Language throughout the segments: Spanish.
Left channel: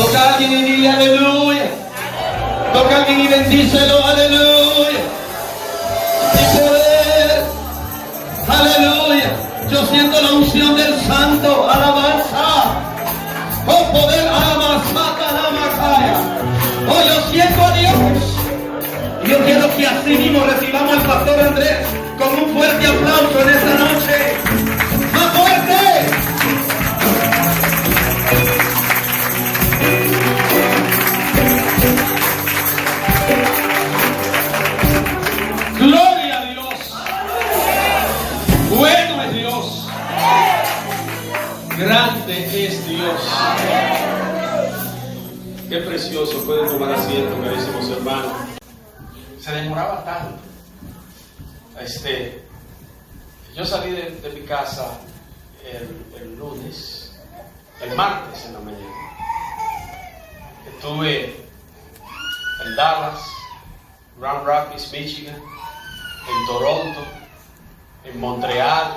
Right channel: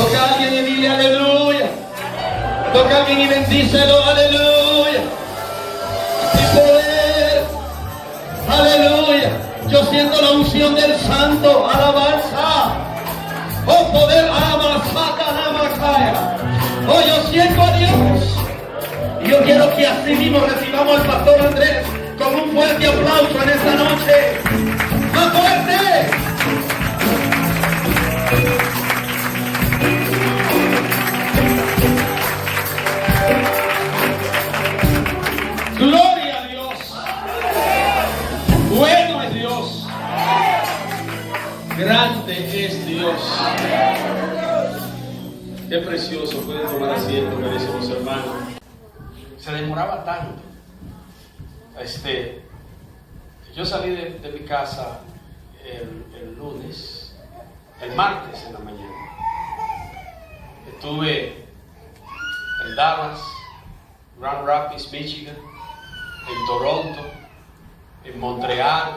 Toca a alguien y dile aleluya. Toca a alguien y bendícelo, aleluya. Y poder, aleluya. Yo siento la unción del santo, alabanza. Oh, poder, alabanza, alabanza. Oh, yo siento a Dios. Y yo quiero que así mismo recibamos al pastor Andrés con un fuerte aplauso en esta noche. ¡Más fuerte! Gloria a Dios. Bueno es Dios. Grande es Dios. Qué precioso. Pueden tomar asiento, carísimos hermanos. Se demoraba tanto. Yo salí de mi casa el lunes, el martes en la mañana. Estuve en Dallas, Grand Rapids, Michigan, en Toronto, en Montreal,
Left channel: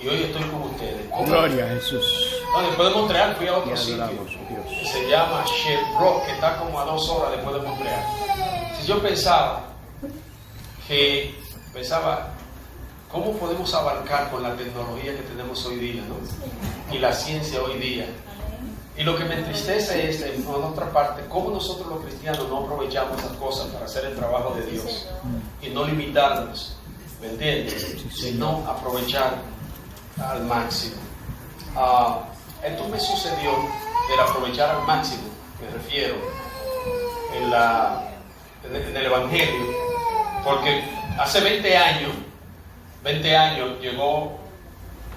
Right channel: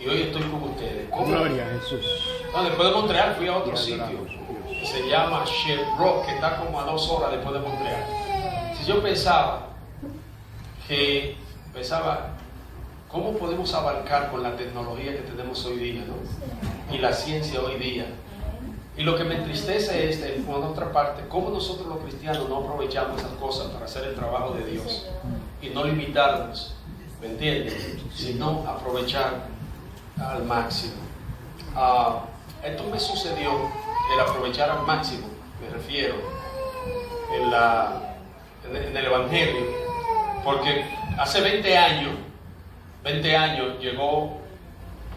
y hoy estoy con ustedes. Gloria a Jesús. No, después de Montreal fui a otro sitio que se llama Sherbrooke, que está como a 2 horas después de Montreal. Si yo pensaba, ¿cómo podemos abarcar con la tecnología que tenemos hoy día, ¿no? Y la ciencia hoy día? Y lo que me entristece es, por otra parte, cómo nosotros los cristianos no aprovechamos esas cosas para hacer el trabajo de Dios y no limitarnos, ¿me entiendes? Sino aprovechar al máximo. Esto me sucedió, el aprovechar al máximo, me refiero, en el Evangelio, porque hace 20 años llegó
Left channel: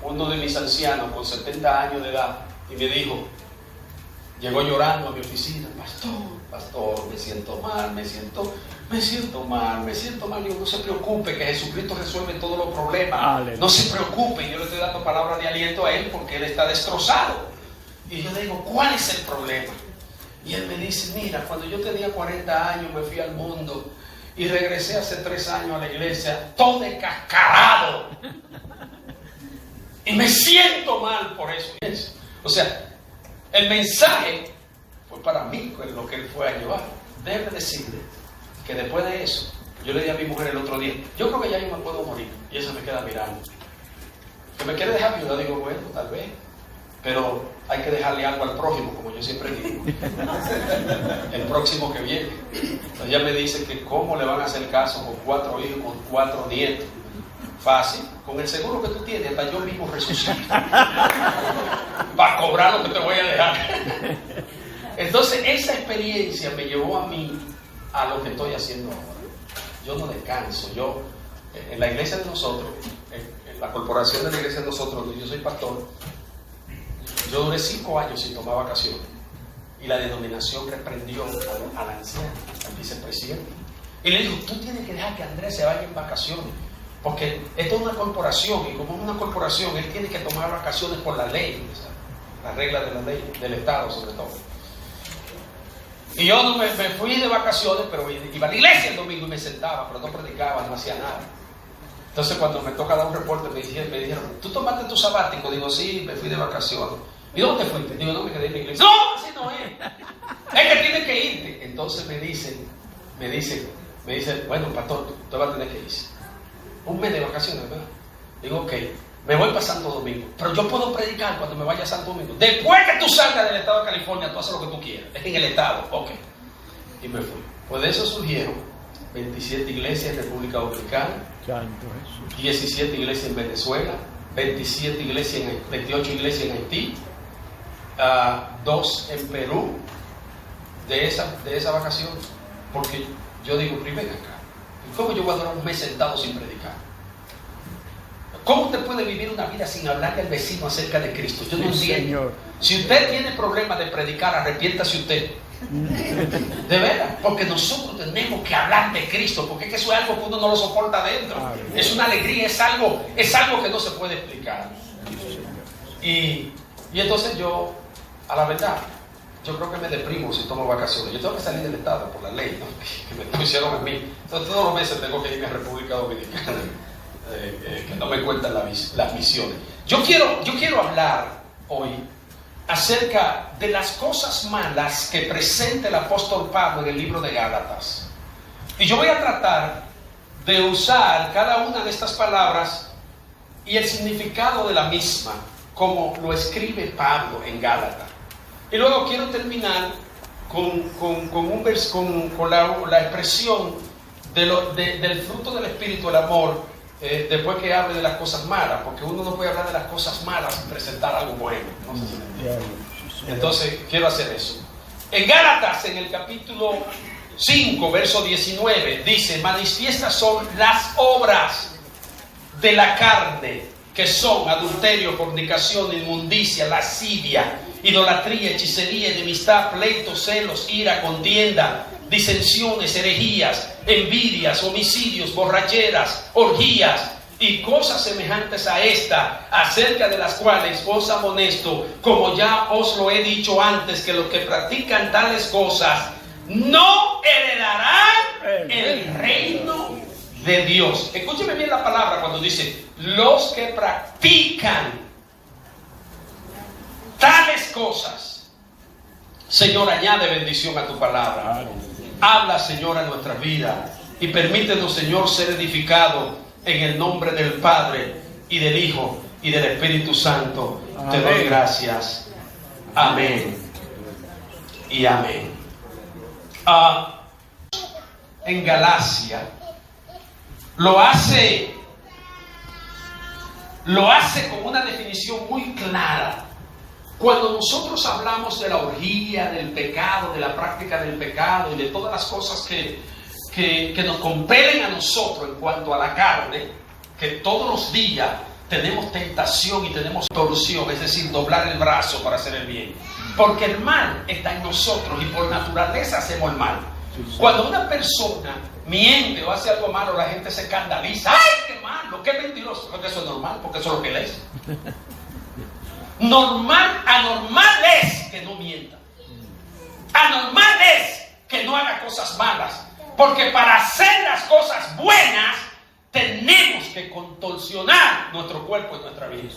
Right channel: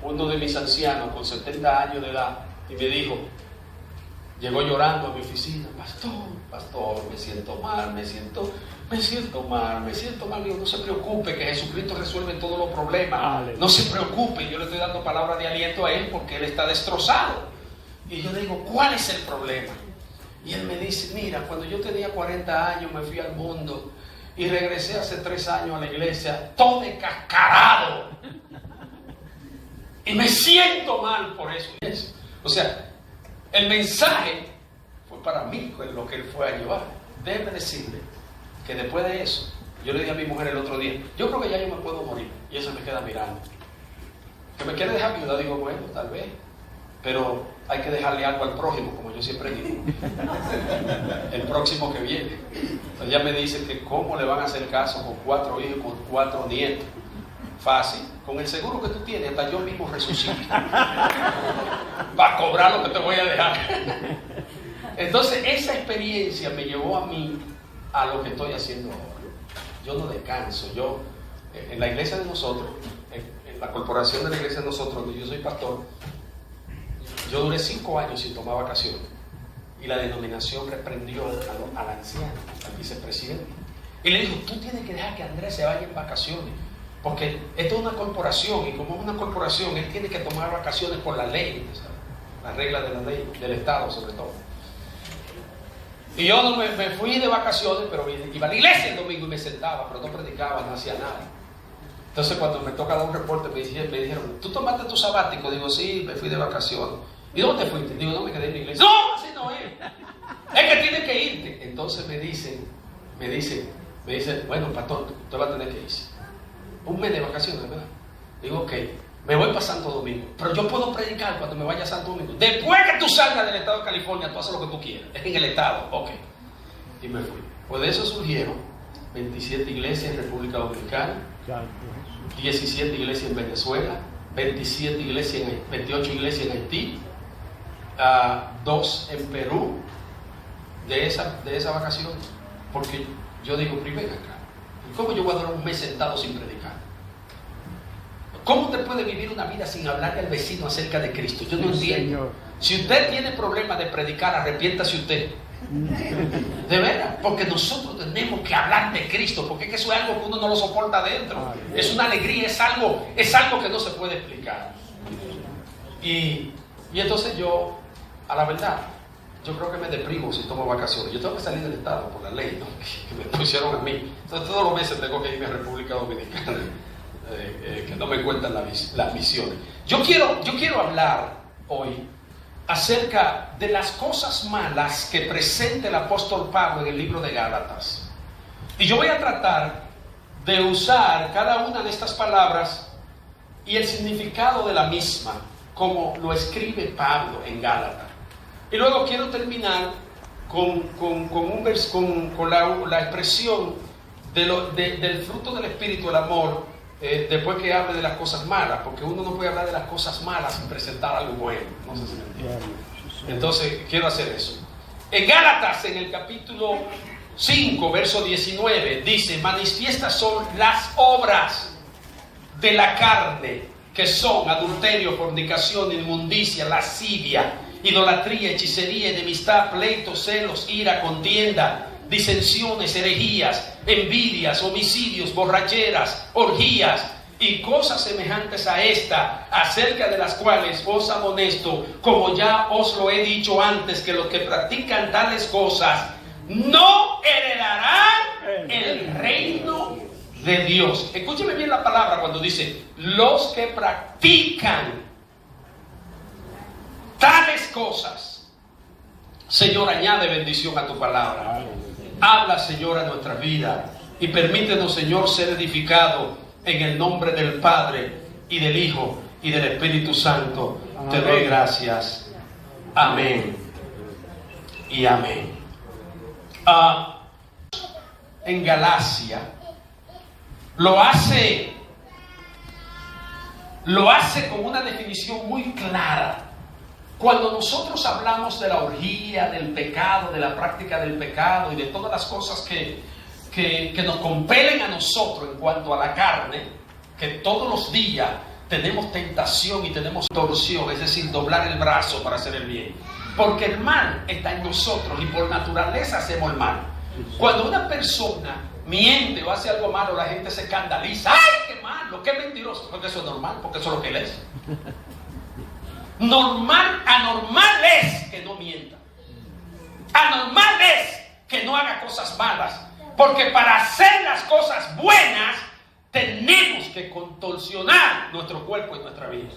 uno de mis ancianos con 70 años de edad y me dijo, llegó llorando a mi oficina, pastor, me siento mal. Digo, no se preocupe, que Jesucristo resuelve todos los problemas. Aleluya. No se preocupe, yo le estoy dando palabras de aliento a él porque él está destrozado. Y yo le digo, ¿cuál es el problema? Y él me dice, mira, cuando yo tenía 40 años me fui al mundo y regresé hace 3 años a la iglesia todo descascarado. Y me siento mal por eso. O sea, el mensaje fue para mí lo que él fue a llevar. Debe decirle que después de eso, yo le dije a mi mujer el otro día, yo creo que ya yo me puedo morir. Y ella se me queda mirando. Que me quiere dejar viuda, digo, bueno, tal vez. Pero hay que dejarle algo al prójimo, como yo siempre digo. El próximo que viene. Ella me dice que cómo le van a hacer caso con 4 hijos, con 4 nietos. Fácil, con el seguro que tú tienes, hasta yo mismo resucito para cobrar lo que te voy a dejar. Entonces esa experiencia me llevó a mí a lo que estoy haciendo ahora. Yo no descanso. Yo en la iglesia de nosotros, en la corporación de la iglesia de nosotros, donde yo soy pastor, yo duré 5 años sin tomar vacaciones y la denominación reprendió a la anciana, al vicepresidente, y le dijo, tú tienes que dejar que Andrés se vaya en vacaciones. Porque esto es una corporación y como es una corporación, él tiene que tomar vacaciones por la ley, ¿sabes? La regla de la ley, del Estado sobre todo. Y yo no me fui de vacaciones, pero iba a la iglesia el domingo y me sentaba, pero no predicaba, no hacía nada. Entonces cuando me toca dar un reporte me dijeron, ¿tú tomaste tu sabático? Digo, sí, me fui de vacaciones. ¿Y dónde te fuiste? Digo, no, me quedé en la iglesia. No, así no es. Es que tienes que irte. Entonces me dicen, bueno, pastor, tú vas a tener que irse. Un mes de vacaciones, ¿verdad? Digo, ok, me voy para Santo Domingo, pero yo puedo predicar cuando me vaya a Santo Domingo. Después que tú salgas del estado de California, tú haces lo que tú quieras. Es en el estado, ok. Y me fui. Pues de eso surgieron 27 iglesias en República Dominicana, 17 iglesias en Venezuela, 28 iglesias en Haití, 2 en Perú, de esa vacación. Porque yo digo, primero acá, ¿cómo yo voy a durar un mes sentado sin predicar? ¿Cómo usted puede vivir una vida sin hablarle al vecino acerca de Cristo? Yo no entiendo. Si usted tiene problemas de predicar, arrepiéntase usted. De veras, porque nosotros tenemos que hablar de Cristo, porque es que eso es algo que uno no lo soporta adentro. Es una alegría, es algo que no se puede explicar. Y entonces yo, a la verdad, yo creo que me deprimo si tomo vacaciones. Yo tengo que salir del estado por la ley, ¿no? Que me pusieron a mí. Entonces todos los meses tengo que irme a República Dominicana, que no me cuentan las misiones. Yo quiero hablar hoy acerca de las cosas malas que presenta el apóstol Pablo en el libro de Gálatas. Y yo voy a tratar de usar cada una de estas palabras y el significado de la misma, como lo escribe Pablo en Gálatas. Y luego quiero terminar con la expresión del fruto del Espíritu, el amor, después que hable de las cosas malas, porque uno no puede hablar de las cosas malas sin presentar algo bueno. No sé si me entienden. Entonces quiero hacer eso. En Gálatas, en el capítulo 5, verso 19, dice: manifiestas son las obras de la carne, que son adulterio, fornicación, inmundicia, lascivia, idolatría, hechicería, enemistad, pleitos, celos, ira, contienda, disensiones, herejías, envidias, homicidios, borracheras, orgías y cosas semejantes a esta, acerca de las cuales os amonesto, como ya os lo he dicho antes, que los que practican tales cosas no heredarán el reino de Dios. Escúcheme bien la palabra cuando dice los que practican tales cosas. Señor, añade bendición a tu palabra. Habla, Señor, a nuestra vida y permítenos, Señor, ser edificado en el nombre del Padre y del Hijo y del Espíritu Santo. Amén. Te doy gracias. Amén y amén. En Galacia lo hace con una definición muy clara. Cuando nosotros hablamos de la orgía, del pecado, de la práctica del pecado y de todas las cosas que nos compelen a nosotros en cuanto a la carne, que todos los días tenemos tentación y tenemos torsión, es decir, doblar el brazo para hacer el bien, porque el mal está en nosotros y por naturaleza hacemos el mal. Cuando una persona miente o hace algo malo, la gente se escandaliza. ¡Ay, qué malo, qué mentiroso! Porque eso es normal, porque eso es lo que es. Anormal es que no mienta. Anormal es que no haga cosas malas. Porque para hacer las cosas buenas tenemos que contorsionar nuestro cuerpo y nuestra vida.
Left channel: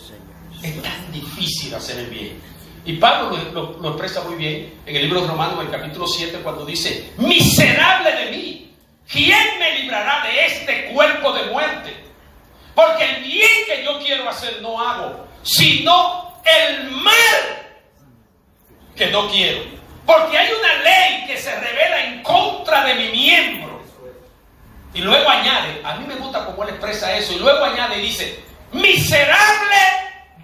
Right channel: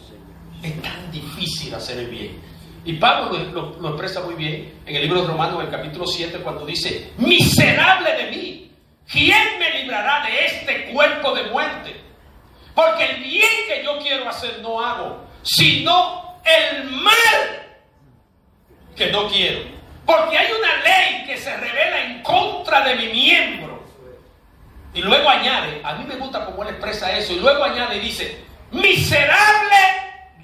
Es tan difícil hacer el bien. Y Pablo lo expresa muy bien en el libro de Romanos, en el capítulo 7, cuando dice: miserable de mí, ¿quién me librará de este cuerpo de muerte? Porque el bien que yo quiero hacer no hago, sino el mal que no quiero. Porque hay una ley que se revela en contra de mi miembro. Y luego añade, a mí me gusta cómo él expresa eso, y luego añade y dice: miserable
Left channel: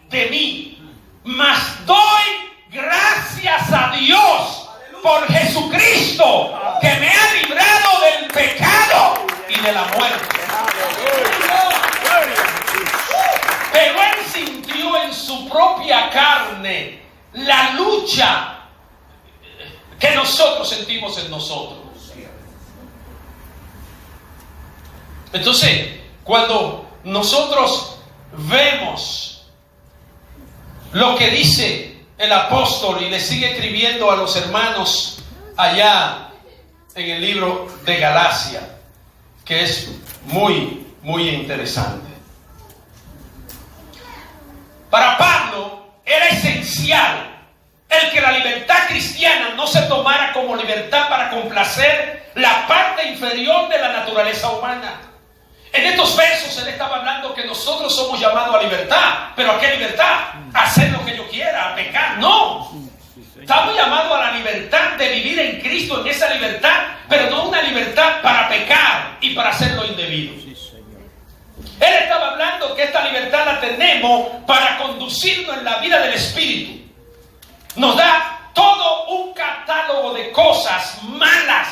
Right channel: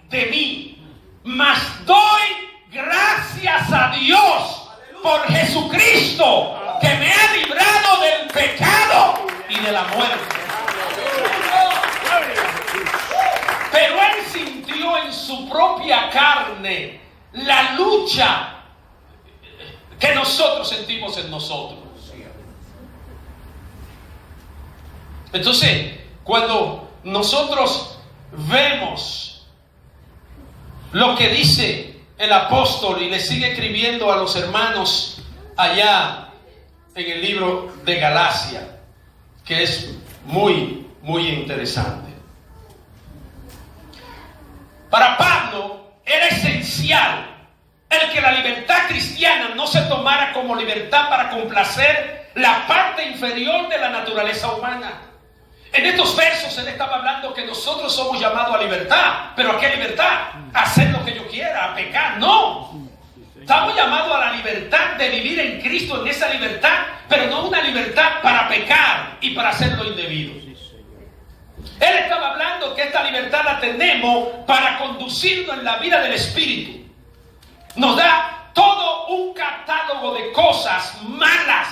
de mí, mas doy gracias a Dios por Jesucristo, que me ha librado del pecado y de la muerte. Pero él sintió en su propia carne la lucha que nosotros sentimos en nosotros. Entonces, cuando nosotros vemos lo que dice el apóstol y le sigue escribiendo a los hermanos allá en el libro de Galacia, que es muy, muy interesante. Para Pablo era esencial el que la libertad cristiana no se tomara como libertad para complacer la parte inferior de la naturaleza humana. En estos versos él estaba hablando que nosotros somos llamados a libertad. ¿Pero a qué libertad? ¿A hacer lo que yo quiera? ¿A pecar? No. Estamos llamados a la libertad de vivir en Cristo, en esa libertad, pero no una libertad para pecar y para hacer lo indebido. Él estaba hablando que esta libertad la tenemos para conducirnos en la vida del Espíritu. Nos da todo un catálogo de cosas malas,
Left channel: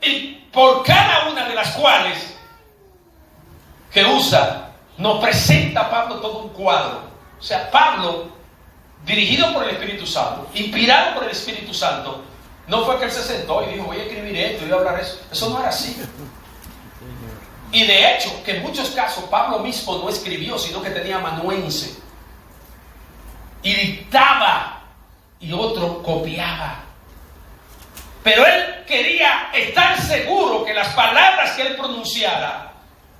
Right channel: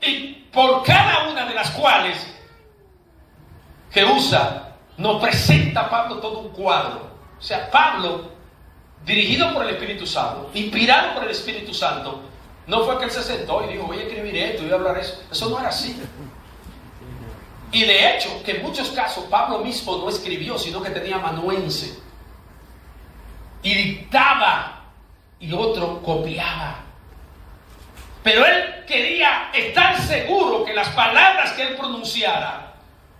y por cada una de las cuales que usa, nos presenta Pablo todo un cuadro. O sea, Pablo, dirigido por el Espíritu Santo, inspirado por el Espíritu Santo, no fue que él se sentó y dijo: voy a escribir esto y voy a hablar eso. Eso no era así. Y de hecho, que en muchos casos Pablo mismo no escribió, sino que tenía amanuense. Y dictaba y otro copiaba. Pero él quería estar seguro que las palabras que él pronunciara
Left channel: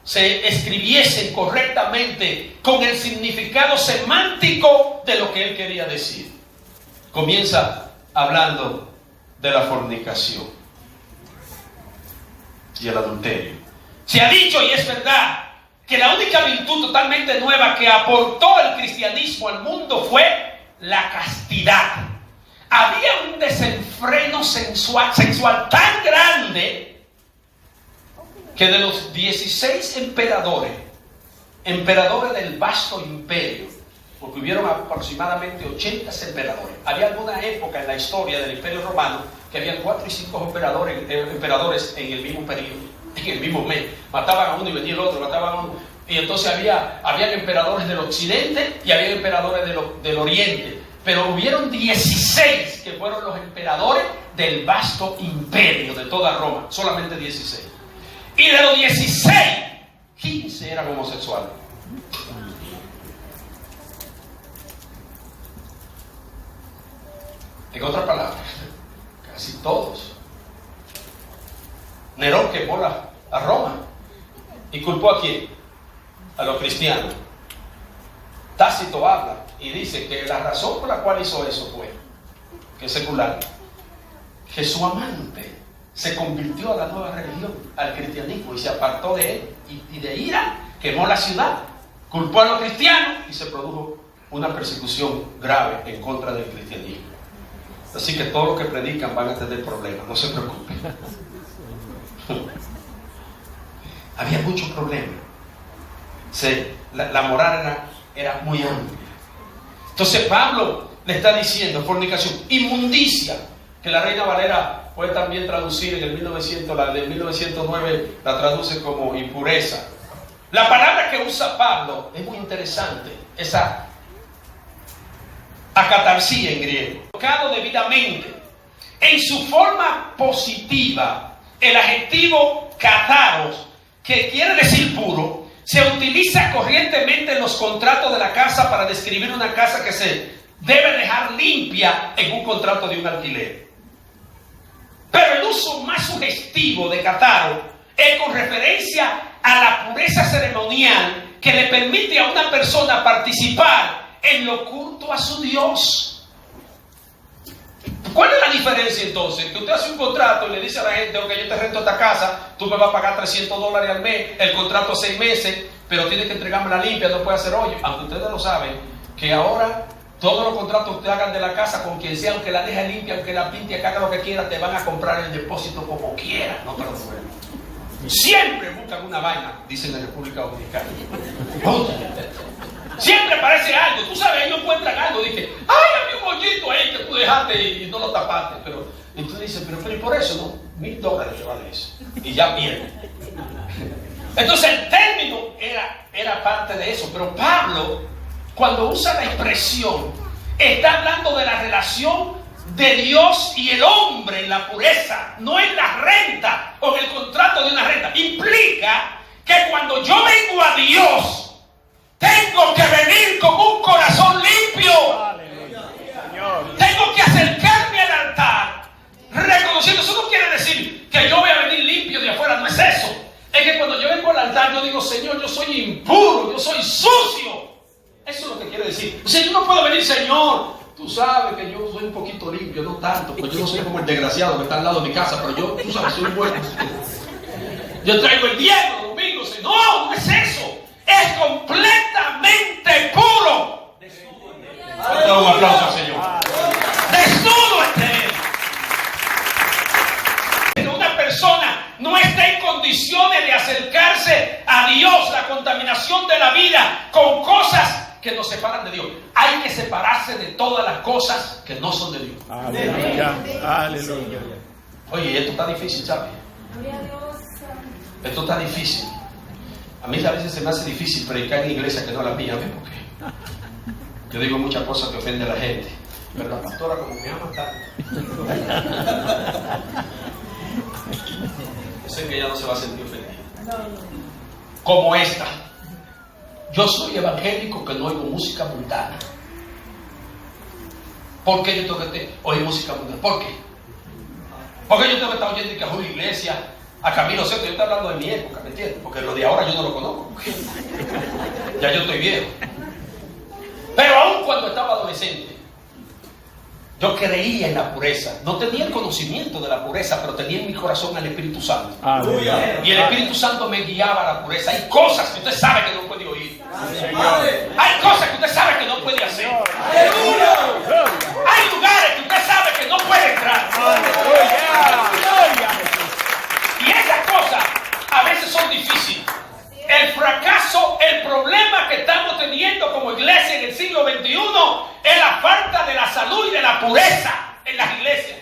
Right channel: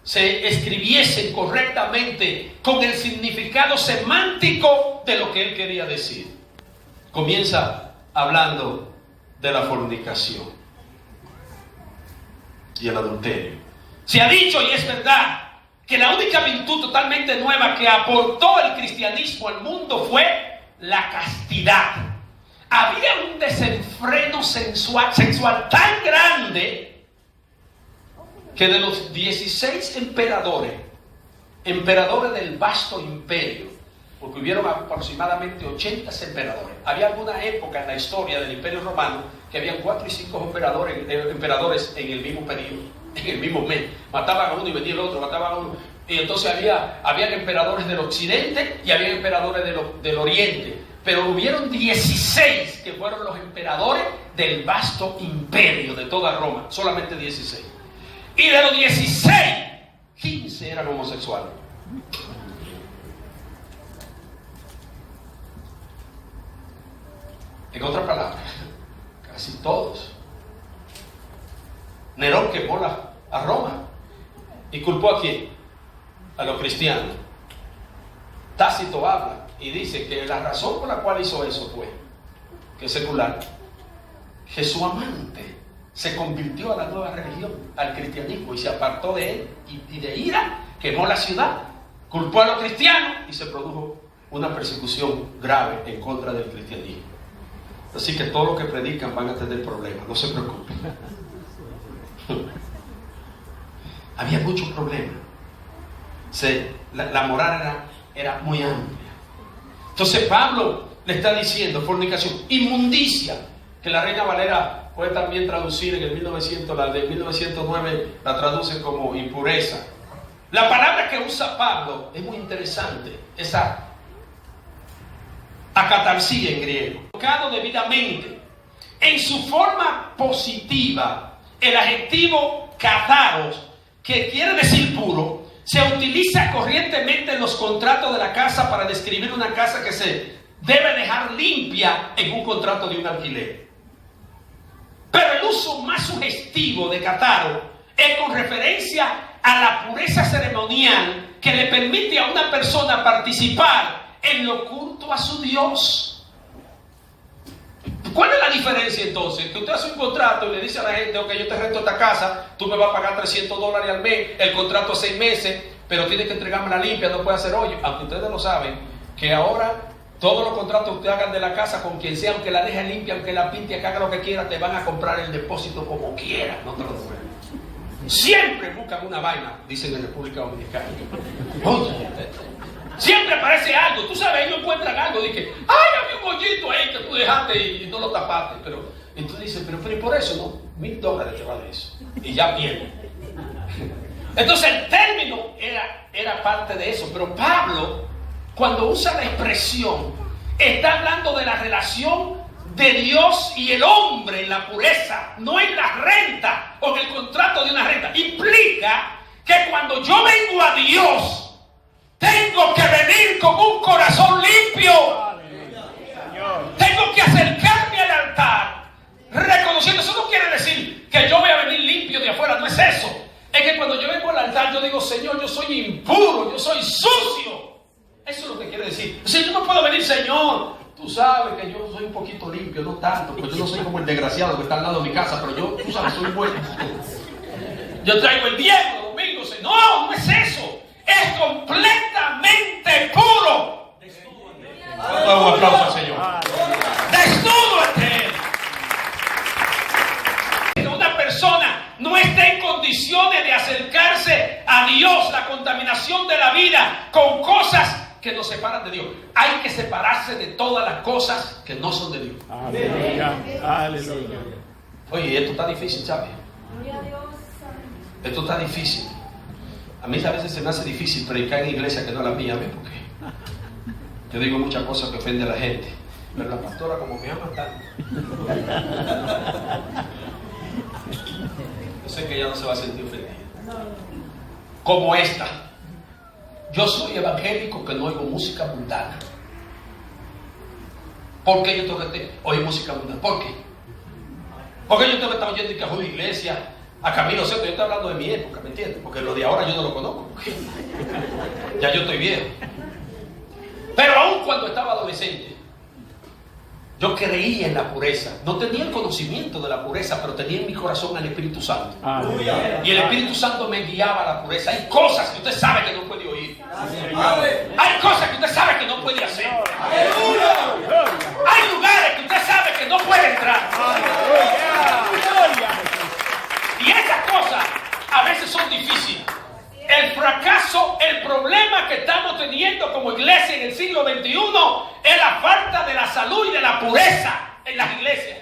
se escribiesen correctamente con el significado semántico de lo que él quería decir. comienza hablando de la fornicación y el adulterio. Se ha dicho, y es verdad, que la única virtud totalmente nueva que aportó el cristianismo al mundo fue la castidad. Había un desenfreno sexual tan grande que de los 16 emperadores del vasto imperio, porque hubieron aproximadamente 80 emperadores. Había alguna época en la historia del Imperio Romano que habían 4 y 5 emperadores en el mismo periodo, en el mismo mes. Mataban a uno y venía el otro, mataban a uno. Y entonces habían emperadores del occidente y había emperadores del oriente. Pero hubieron 16 que fueron los emperadores del vasto imperio de toda Roma. Solamente 16. Y de los 16, 15 eran homosexuales. En otras palabras, casi todos. Nerón quemó a Roma. ¿Y culpó a quién? A los cristianos. Tácito habla y dice que la razón por la cual hizo eso fue que es secular, que su amante se convirtió a la nueva religión, al cristianismo, y se apartó de él, y de ira quemó la ciudad, culpó a los cristianos y se produjo una persecución grave en contra del cristianismo. Así que todos los que predican van a tener problemas, no se preocupen. Había muchos problemas. La moral era muy amplia. Entonces Pablo le está diciendo fornicación, inmundicia, que la Reina Valera puede también traducir en el 1900, la de 1909 la traduce como impureza. La palabra que usa Pablo es muy interesante, esa acatarsia en griego, colocado debidamente. En su forma positiva, el adjetivo kataros, que quiere decir puro, se utiliza corrientemente en los contratos de la casa para describir una casa que se debe dejar limpia en un contrato de un alquiler. Pero el uso más sugestivo de kataro es con referencia a la pureza ceremonial que le permite a una persona participar en lo oculto a su Dios. ¿Cuál es la diferencia entonces? Que usted hace un contrato y le dice a la gente: ok, yo te rento esta casa, tú me vas a pagar $300 al mes, el contrato es 6 meses, pero tienes que entregarme la limpia, no puede hacer hoyo. Aunque ustedes lo saben, que ahora todos los contratos que ustedes hagan de la casa con quien sea, aunque la deje limpia, aunque la pinte, que haga lo que quiera, te van a comprar el depósito como quiera. No te lo devuelven. Siempre buscan una vaina, dicen en la República Dominicana. Siempre aparece algo, tú sabes, ellos encuentran algo, dicen: ay, había un hoyito ahí que tú dejaste y no lo tapaste. Pero entonces dicen: pero y por eso no, $1000 te vale eso. Y ya pierde. Entonces el término era parte de eso. Pero Pablo, cuando usa la expresión, está hablando de la relación de Dios y el hombre en la pureza, no en la renta o en el contrato de una renta. Implica que cuando yo vengo a Dios, tengo que venir con un corazón limpio. Tengo que acercarme al altar reconociendo. Eso no quiere decir que yo voy a venir limpio de afuera, no es eso. Es que cuando yo vengo al altar, yo digo: Señor, yo soy impuro, yo soy sucio. Eso es lo que quiere decir. O sea, yo no puedo venir: Señor, tú sabes que yo soy un poquito limpio, no tanto, pues yo no soy como el desgraciado que está al lado de mi casa, pero yo, tú sabes, soy bueno. Yo traigo el diezmo los domingos. No, no es eso. Es completamente puro. Desnudo. Un aplauso al Señor. Desnudo ante Él. Una persona no está en condiciones de acercarse a Dios. La contaminación de la vida con cosas que nos separan de Dios. Hay que separarse de todas las cosas que no son de Dios. Aleluya. Aleluya. Oye, esto está difícil, ¿sabes? Esto está difícil. A mí a veces se me hace difícil predicar en iglesia que no la mía, ¿ves? Porque yo digo muchas cosas que ofenden a la gente, pero la pastora como me ama tanto. Yo sé que ella no se va a sentir ofendida. Como esta. Yo soy evangélico que no oigo música mundana. ¿Por qué yo tengo que oír música mundana? ¿Por qué? Porque yo tengo que estar oyendo que a una iglesia, a Camilo Sesto. Yo estoy hablando de mi época, ¿me entiendes? Porque lo de ahora yo no lo conozco. Ya yo estoy viejo. Pero aún cuando estaba adolescente, Yo creía en la pureza. No tenía el conocimiento de la pureza, pero tenía en mi corazón al Espíritu Santo. Aleluya. Y el Espíritu Santo me guiaba a la pureza. Hay cosas que usted sabe que no puede oír. Hay cosas que usted sabe que no puede hacer. Hay lugares que usted sabe que no puede entrar. Y esas cosas a veces son difíciles. El fracaso, el problema que estamos teniendo como iglesia en el siglo XXI es la falta de la salud y de la pureza en las iglesias.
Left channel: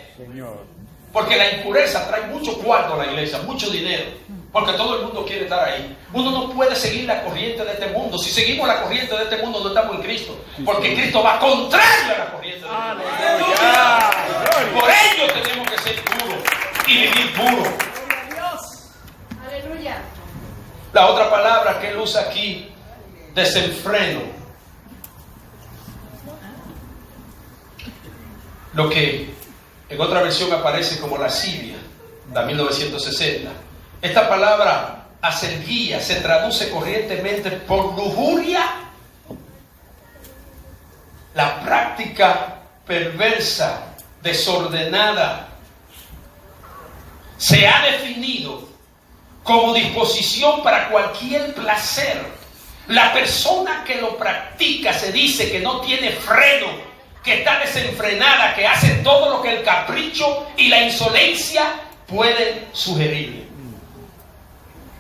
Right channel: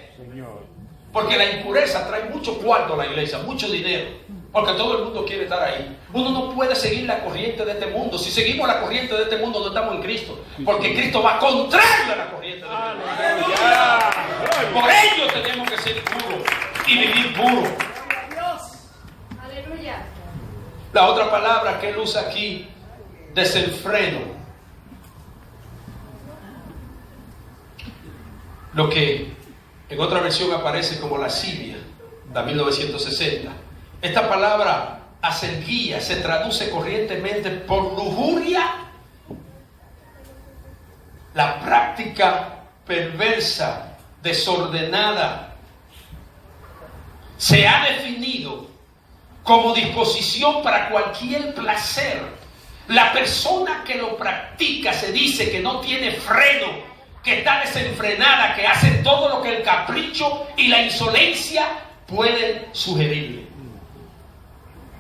Porque la impureza trae mucho cuarto a la iglesia, mucho dinero, porque todo el mundo quiere estar ahí. Uno no puede seguir la corriente de este mundo. Si seguimos la corriente de este mundo no estamos en Cristo, porque Cristo va contrario a la corriente de este mundo. Por ello tenemos que ser puros y vivir puros. Aleluya. La otra palabra que él usa aquí, desenfreno. Lo que en otra versión aparece como lascivia, de 1960. Esta palabra aserguía se traduce corrientemente por lujuria, la práctica perversa, desordenada. Se ha definido como disposición para cualquier placer. La persona que lo practica se dice que no tiene freno, que está desenfrenada, que hace todo lo que el capricho y la insolencia pueden sugerirle.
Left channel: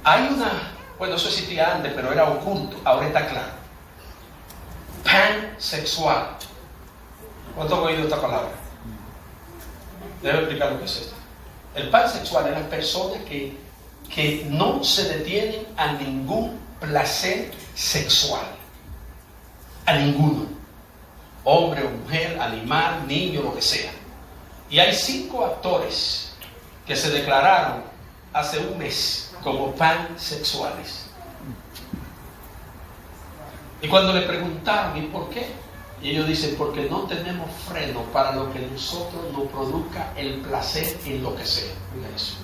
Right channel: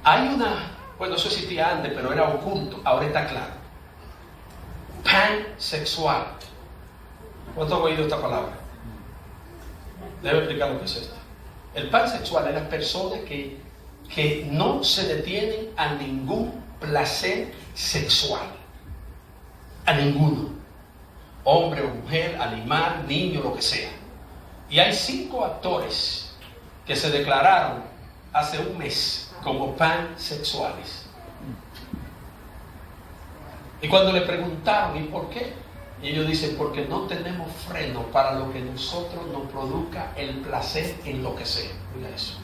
Hay bueno, eso existía antes, pero era oculto, ahora está claro. Pansexual. ¿Cuánto han oído esta palabra? Debe explicar lo que es esto. El pansexual es la persona que no se detienen a ningún placer sexual, a ninguno, hombre o mujer, animal, niño, lo que sea. Y hay 5 actores que se declararon hace un mes como pansexuales. Y cuando le preguntaron ¿y por qué? Y ellos dicen porque no tenemos freno para lo que nosotros nos produzca el placer en lo que sea. Mira eso.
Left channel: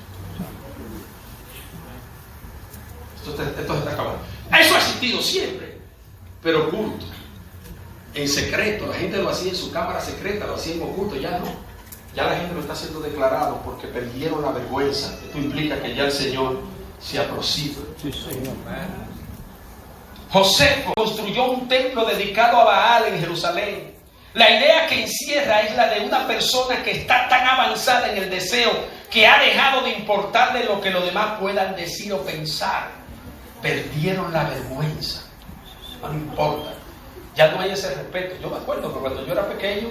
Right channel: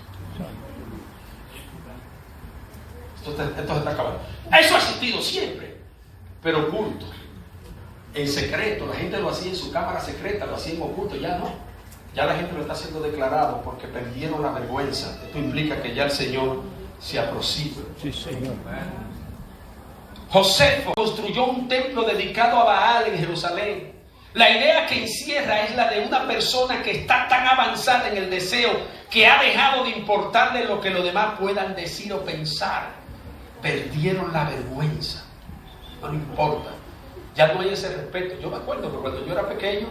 Esto se está acabando. Eso ha existido siempre, pero oculto, en secreto. La gente lo hacía en su cámara secreta, lo hacía en oculto. Ya no. Ya la gente lo está haciendo declarado porque perdieron la vergüenza. Esto implica que ya el Señor se aproxima. Sí, Señor. Josefo construyó un templo dedicado a Baal en Jerusalén. La idea que encierra es la de una persona que está tan avanzada en el deseo que ha dejado de importarle lo que los demás puedan decir o pensar. Perdieron la vergüenza. No importa. Ya no hay ese respeto. Yo me acuerdo que cuando yo era pequeño,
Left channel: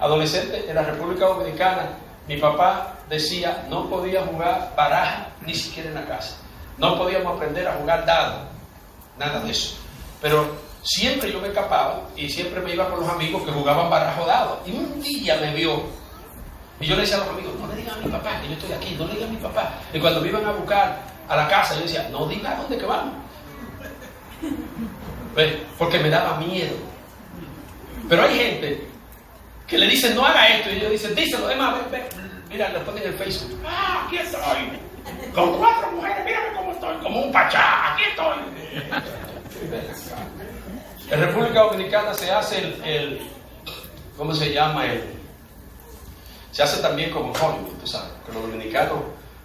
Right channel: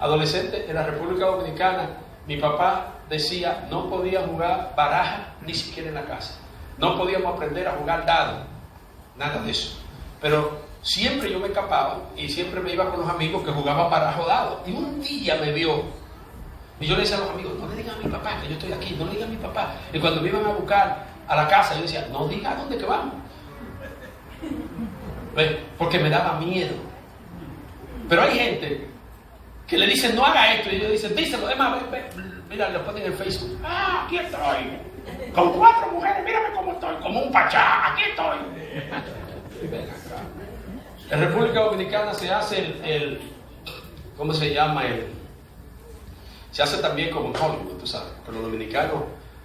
adolescente, en la República Dominicana, mi papá decía, no podía jugar baraja ni siquiera en la casa. No podíamos aprender a jugar dado. Nada de eso. Pero siempre yo me escapaba y siempre me iba con los amigos que jugaban baraja o dado. Y un día me vio. Y yo le decía a los amigos, no le digan a mi papá que yo estoy aquí, no le digan a mi papá. Y cuando me iban a buscar a la casa, yo decía, no diga a dónde que vamos. ¿Ves? Porque me daba miedo. Pero hay gente que le dicen, no haga esto. Y ellos dicen, díselo, además, ven. Mira, lo ponen en Facebook. Ah, aquí estoy. Con 4 mujeres, mírame cómo estoy. Como un pachá, aquí estoy. En República Dominicana se hace ¿cómo se llama? Se hace también como en Hollywood, tú sabes. Que los dominicanos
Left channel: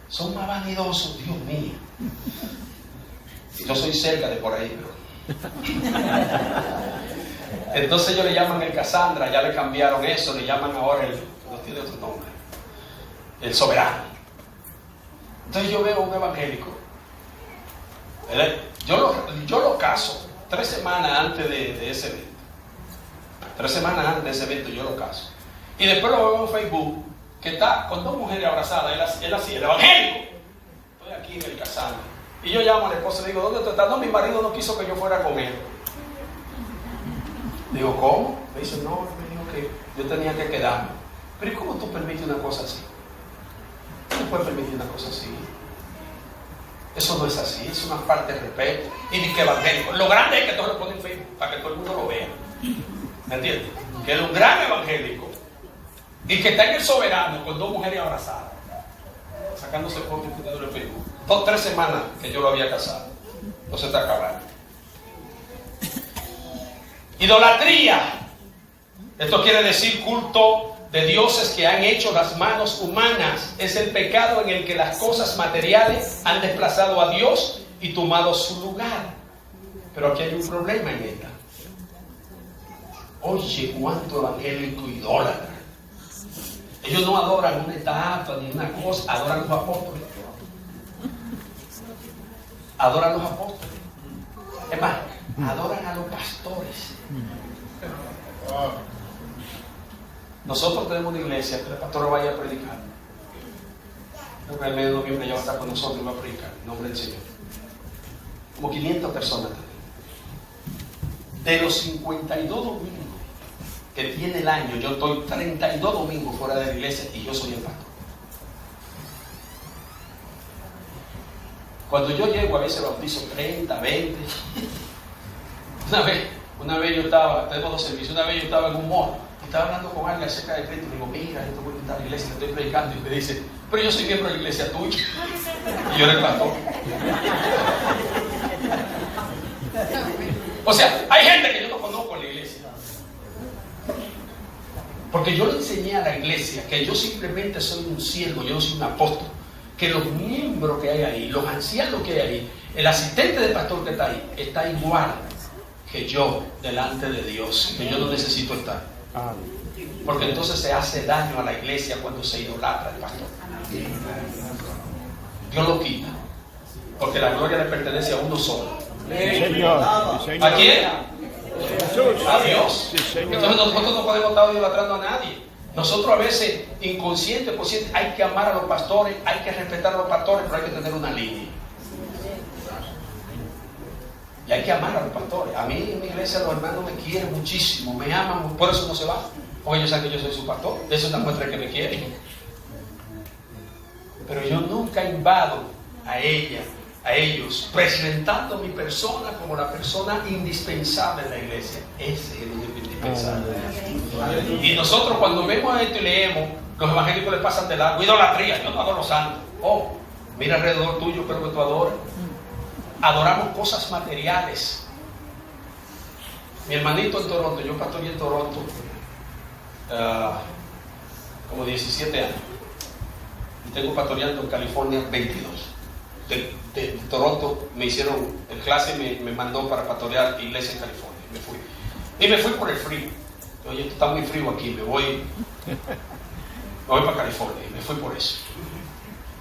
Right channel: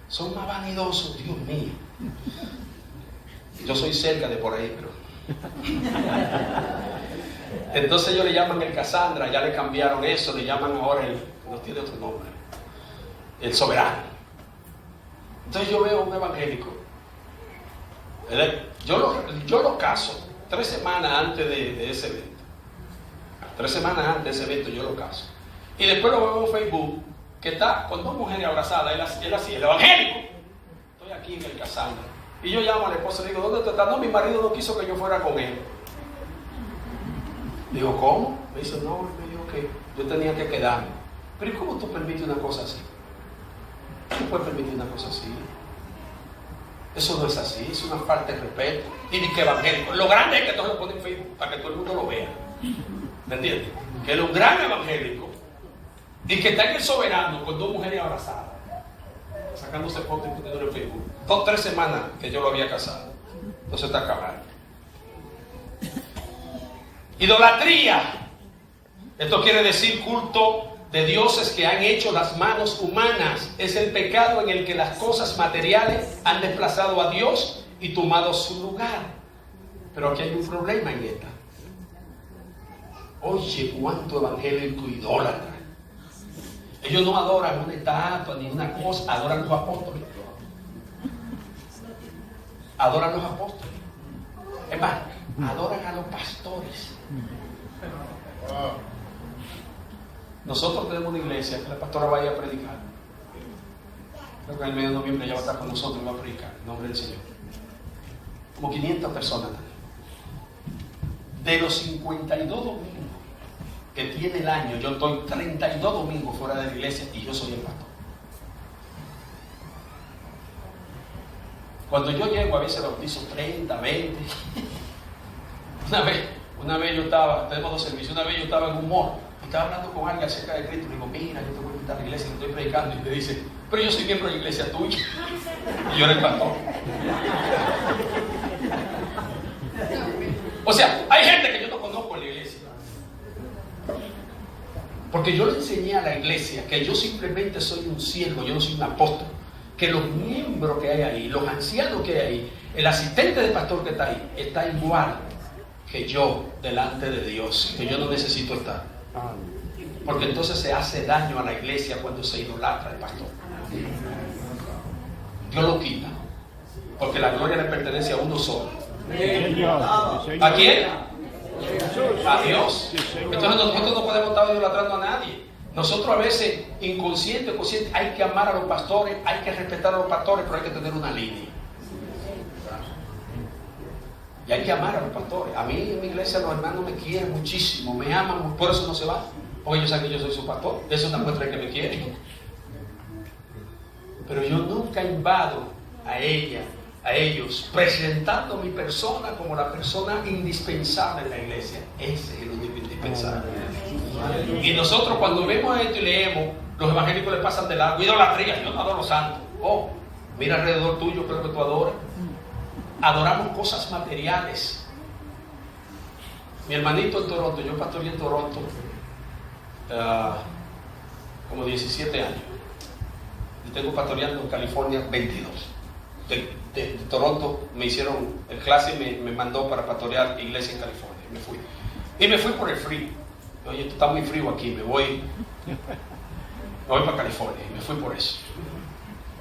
son más vanidosos, Dios mío. Yo soy cerca de por ahí, pero... Entonces ellos le llaman el Cassandra, ya le cambiaron eso, le llaman ahora no tiene otro nombre, el soberano. Entonces yo veo un evangélico, yo lo caso 3 semanas antes de ese evento. 3 semanas antes de ese evento yo lo caso. Y después lo veo en Facebook, que está con 2 mujeres abrazadas, él así, el evangélico. Estoy aquí en el Cassandra. Y yo llamo a la esposa y digo, ¿dónde tú estás? No, mi marido no quiso que yo fuera con él. Digo, ¿cómo? Me dice, no, me dijo que yo tenía que quedarme. Pero ¿y cómo tú permites una cosa así? ¿Cómo puedes permitir una cosa así? Eso no es así, es una falta de respeto. Y ni que evangélico. Lo grande es que todos lo ponen en Facebook para que todo el mundo lo vea. ¿Me entiendes? Que es un gran evangélico y que está en el soberano con 2 mujeres abrazadas, sacándose fotos y poniéndolo en Facebook. 3 semanas que yo lo había casado. Entonces está acabando. Idolatría. Esto quiere decir culto de dioses que han hecho las manos humanas. Es el pecado en el que las cosas materiales han desplazado a Dios y tomado su lugar. Pero aquí hay un problema en esta. Oye, cuánto evangélico idólatra. Ellos no adoran una estatua ni una cosa, adoran los apóstoles. Adoran los apóstoles. Es más, adoran a los pastores. Nosotros tenemos una iglesia que la pastora vaya a predicar. Creo que en el mes de noviembre ella va a estar con nosotros y va a predicar en nombre del Señor. Como 500 personas tenemos. De los 52 domingos que tiene el año, yo estoy 32 domingos fuera de la iglesia y yo soy el pastor. Cuando yo llego a veces bautizo 30, 20. Una vez yo estaba, tenemos 2 servicios, una vez yo estaba en un mall y estaba hablando con alguien acerca de Cristo y le digo, mira, yo te voy a invitar a la iglesia, te estoy predicando, y me dice, pero yo soy miembro de la iglesia tuya. Y yo era el pastor. O sea, hay gente que yo no conozco en la iglesia. Porque yo le enseñé a la iglesia que yo simplemente soy un siervo, yo no soy un apóstol. Que los miembros que hay ahí, los ancianos que hay ahí, el asistente del pastor que está ahí, está igual que yo delante de Dios, que yo no necesito estar. Porque entonces se hace daño a la iglesia cuando se idolatra el pastor. Dios lo quita, porque la gloria le pertenece a uno solo. ¿A quién? A Dios. Entonces nosotros no podemos estar idolatrando a nadie. Nosotros a veces, inconsciente o consciente, hay que amar a los pastores, hay que respetar a los pastores, pero hay que tener una línea. Y hay que amar a los pastores. A mí en mi iglesia los hermanos me quieren muchísimo, me aman, por eso no se van. Porque ellos saben que yo soy su pastor. Eso es una muestra de que me quieren. Pero yo nunca invado a ellos, presentando mi persona como la persona indispensable en la iglesia. Ese es el único indispensable. Y nosotros cuando vemos esto y leemos, los evangélicos le pasan de largo. Idolatría, yo no adoro santos. Oh, mira alrededor tuyo, pero que tú adoras. Adoramos cosas materiales. Mi hermanito en Toronto, yo pastoreé en Toronto como 17 años. Y tengo pastoreando en California 22. De Toronto me hicieron el clase y me mandó para pastorear iglesia en California. Y me fui por el frío. Oye, está muy frío aquí, me voy para California. Y me fui por eso.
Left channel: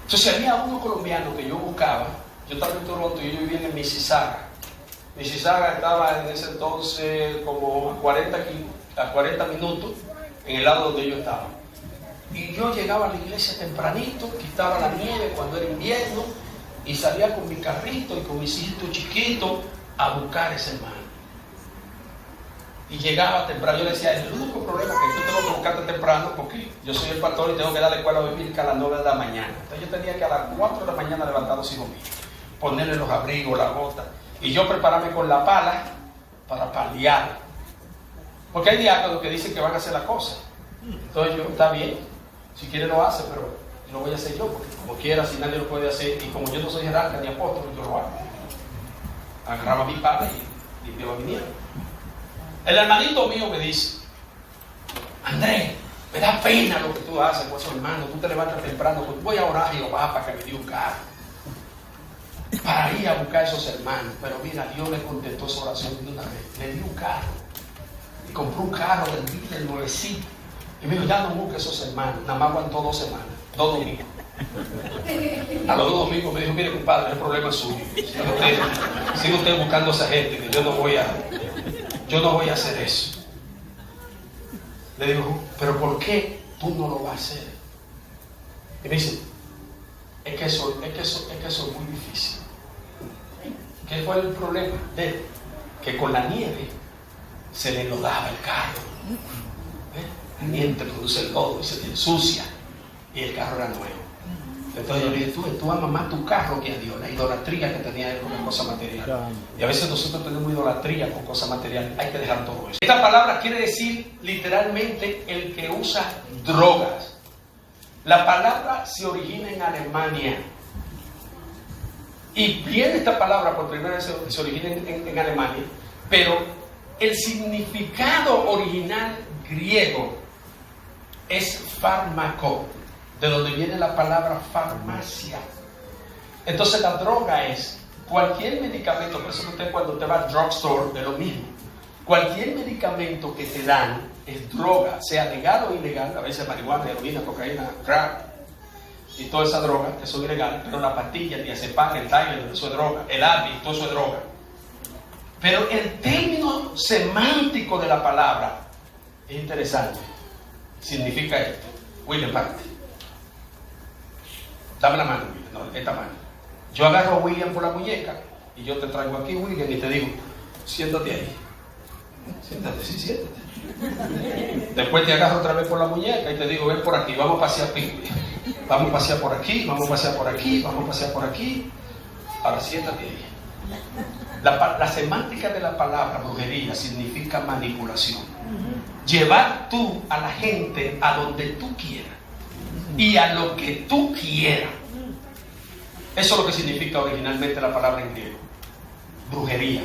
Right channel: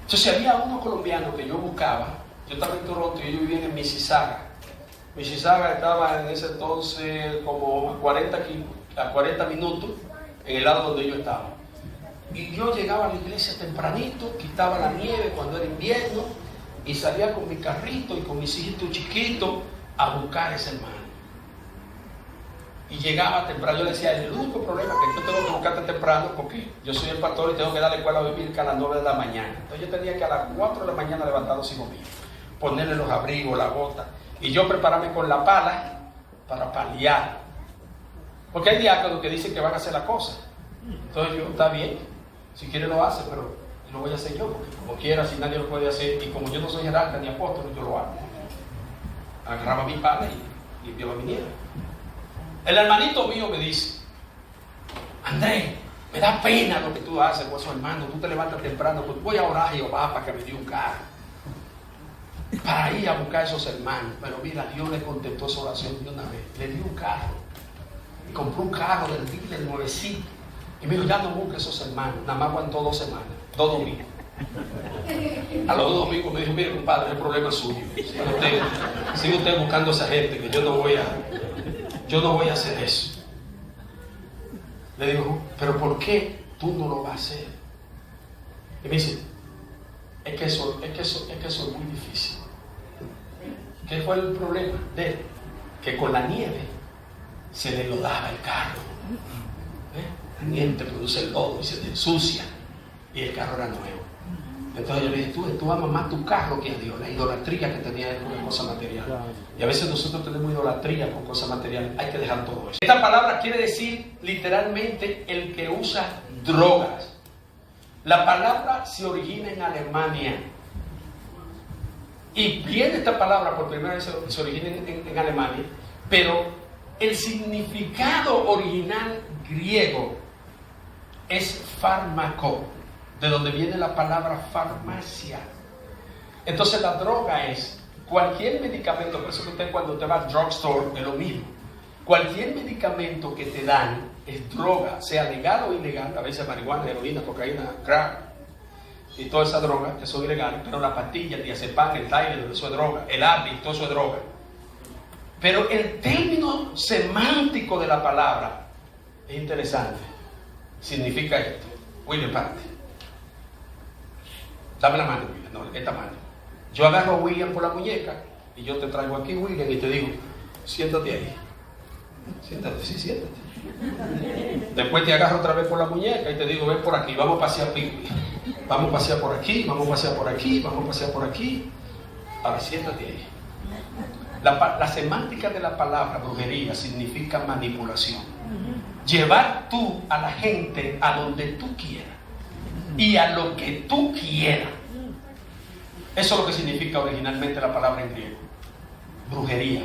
Entonces había uno colombiano que yo buscaba. Yo estaba en Toronto y yo vivía en Mississauga. Mississauga estaba en ese entonces como a 40 minutos en el lado donde yo estaba. Y yo llegaba a la iglesia tempranito, quitaba la nieve cuando era invierno y salía con mi carrito y con mis hijitos chiquitos a buscar a ese hermano. Y llegaba temprano. Yo le decía, el único problema es que yo tengo que buscarte temprano porque yo soy el pastor y tengo que dar la escuela bíblica a las 9 de la mañana. Entonces yo tenía que a las 4 de la mañana levantar los hijos míos, ponerle los abrigos, la bota, y yo prepararme con la pala para paliar. Porque hay diáconos que dicen que van a hacer la cosa. Entonces yo, está bien, si quiere lo hace, pero lo voy a hacer yo, porque como quiera, si nadie lo puede hacer, y como yo no soy jerarca ni apóstol, yo lo hago. Agarraba mi pala y limpiaba mi nieve. El hermanito mío me dice, Andrés, me da pena lo que tú haces con esos hermanos, tú te levantas temprano, pues voy a orar a Jehová para que me dé un carro, para ir a buscar a esos hermanos. Pero mira, Dios le contestó esa oración de una vez, le dio un carro, y compró un carro del nuevecito, y me dijo, ya no busques a esos hermanos. Nada más aguantó 2 semanas, 2 domingos. A los 2 domingos me dijo, mire compadre, el problema es suyo, sigue usted buscando a esa gente, que yo no voy a hacer eso. Le digo, pero ¿por qué tú no lo vas a hacer? Y me dice, es que eso es muy difícil. ¿Qué fue el problema? De él? Que con la nieve se le lodaba el carro. La nieve te produce el lodo y se te ensucia, y el carro era nuevo. Entonces yo le dije, tú amas más tu carro que a Dios, la idolatría que tenía él con cosas materiales. Y a veces nosotros tenemos idolatría con cosas materiales, hay que dejar todo eso. Esta palabra quiere decir literalmente el que usa drogas. La palabra se origina en Alemania. Y viene esta palabra por primera vez, se origina en Alemania, pero el significado original griego es fármaco, de donde viene la palabra farmacia. Entonces la droga es cualquier medicamento, por eso que usted cuando te va al drugstore es lo mismo. Cualquier medicamento que te dan es droga, sea legal o ilegal, a veces marihuana, heroína, cocaína, crack y toda esa droga, eso es ilegal, pero la pastilla, el diazepam, el Tylenol, eso es droga, el Advil, todo eso es droga. Pero el término semántico de la palabra es interesante. Significa esto. William, parte. Dame la mano, William. No, esta mano. Yo agarro a William por la muñeca y yo te traigo aquí, William, y te digo, siéntate ahí. Siéntate, sí, siéntate. Después te agarro otra vez por la muñeca y te digo, ven por aquí, vamos a pasear aquí. Vamos a pasear por aquí, vamos a pasear por aquí, vamos a pasear por aquí. Ahora siéntate ahí. La semántica de la palabra brujería significa manipulación. Llevar tú a la gente a donde tú quieras y a lo que tú quieras. Eso es lo que significa originalmente la palabra en griego. Brujería.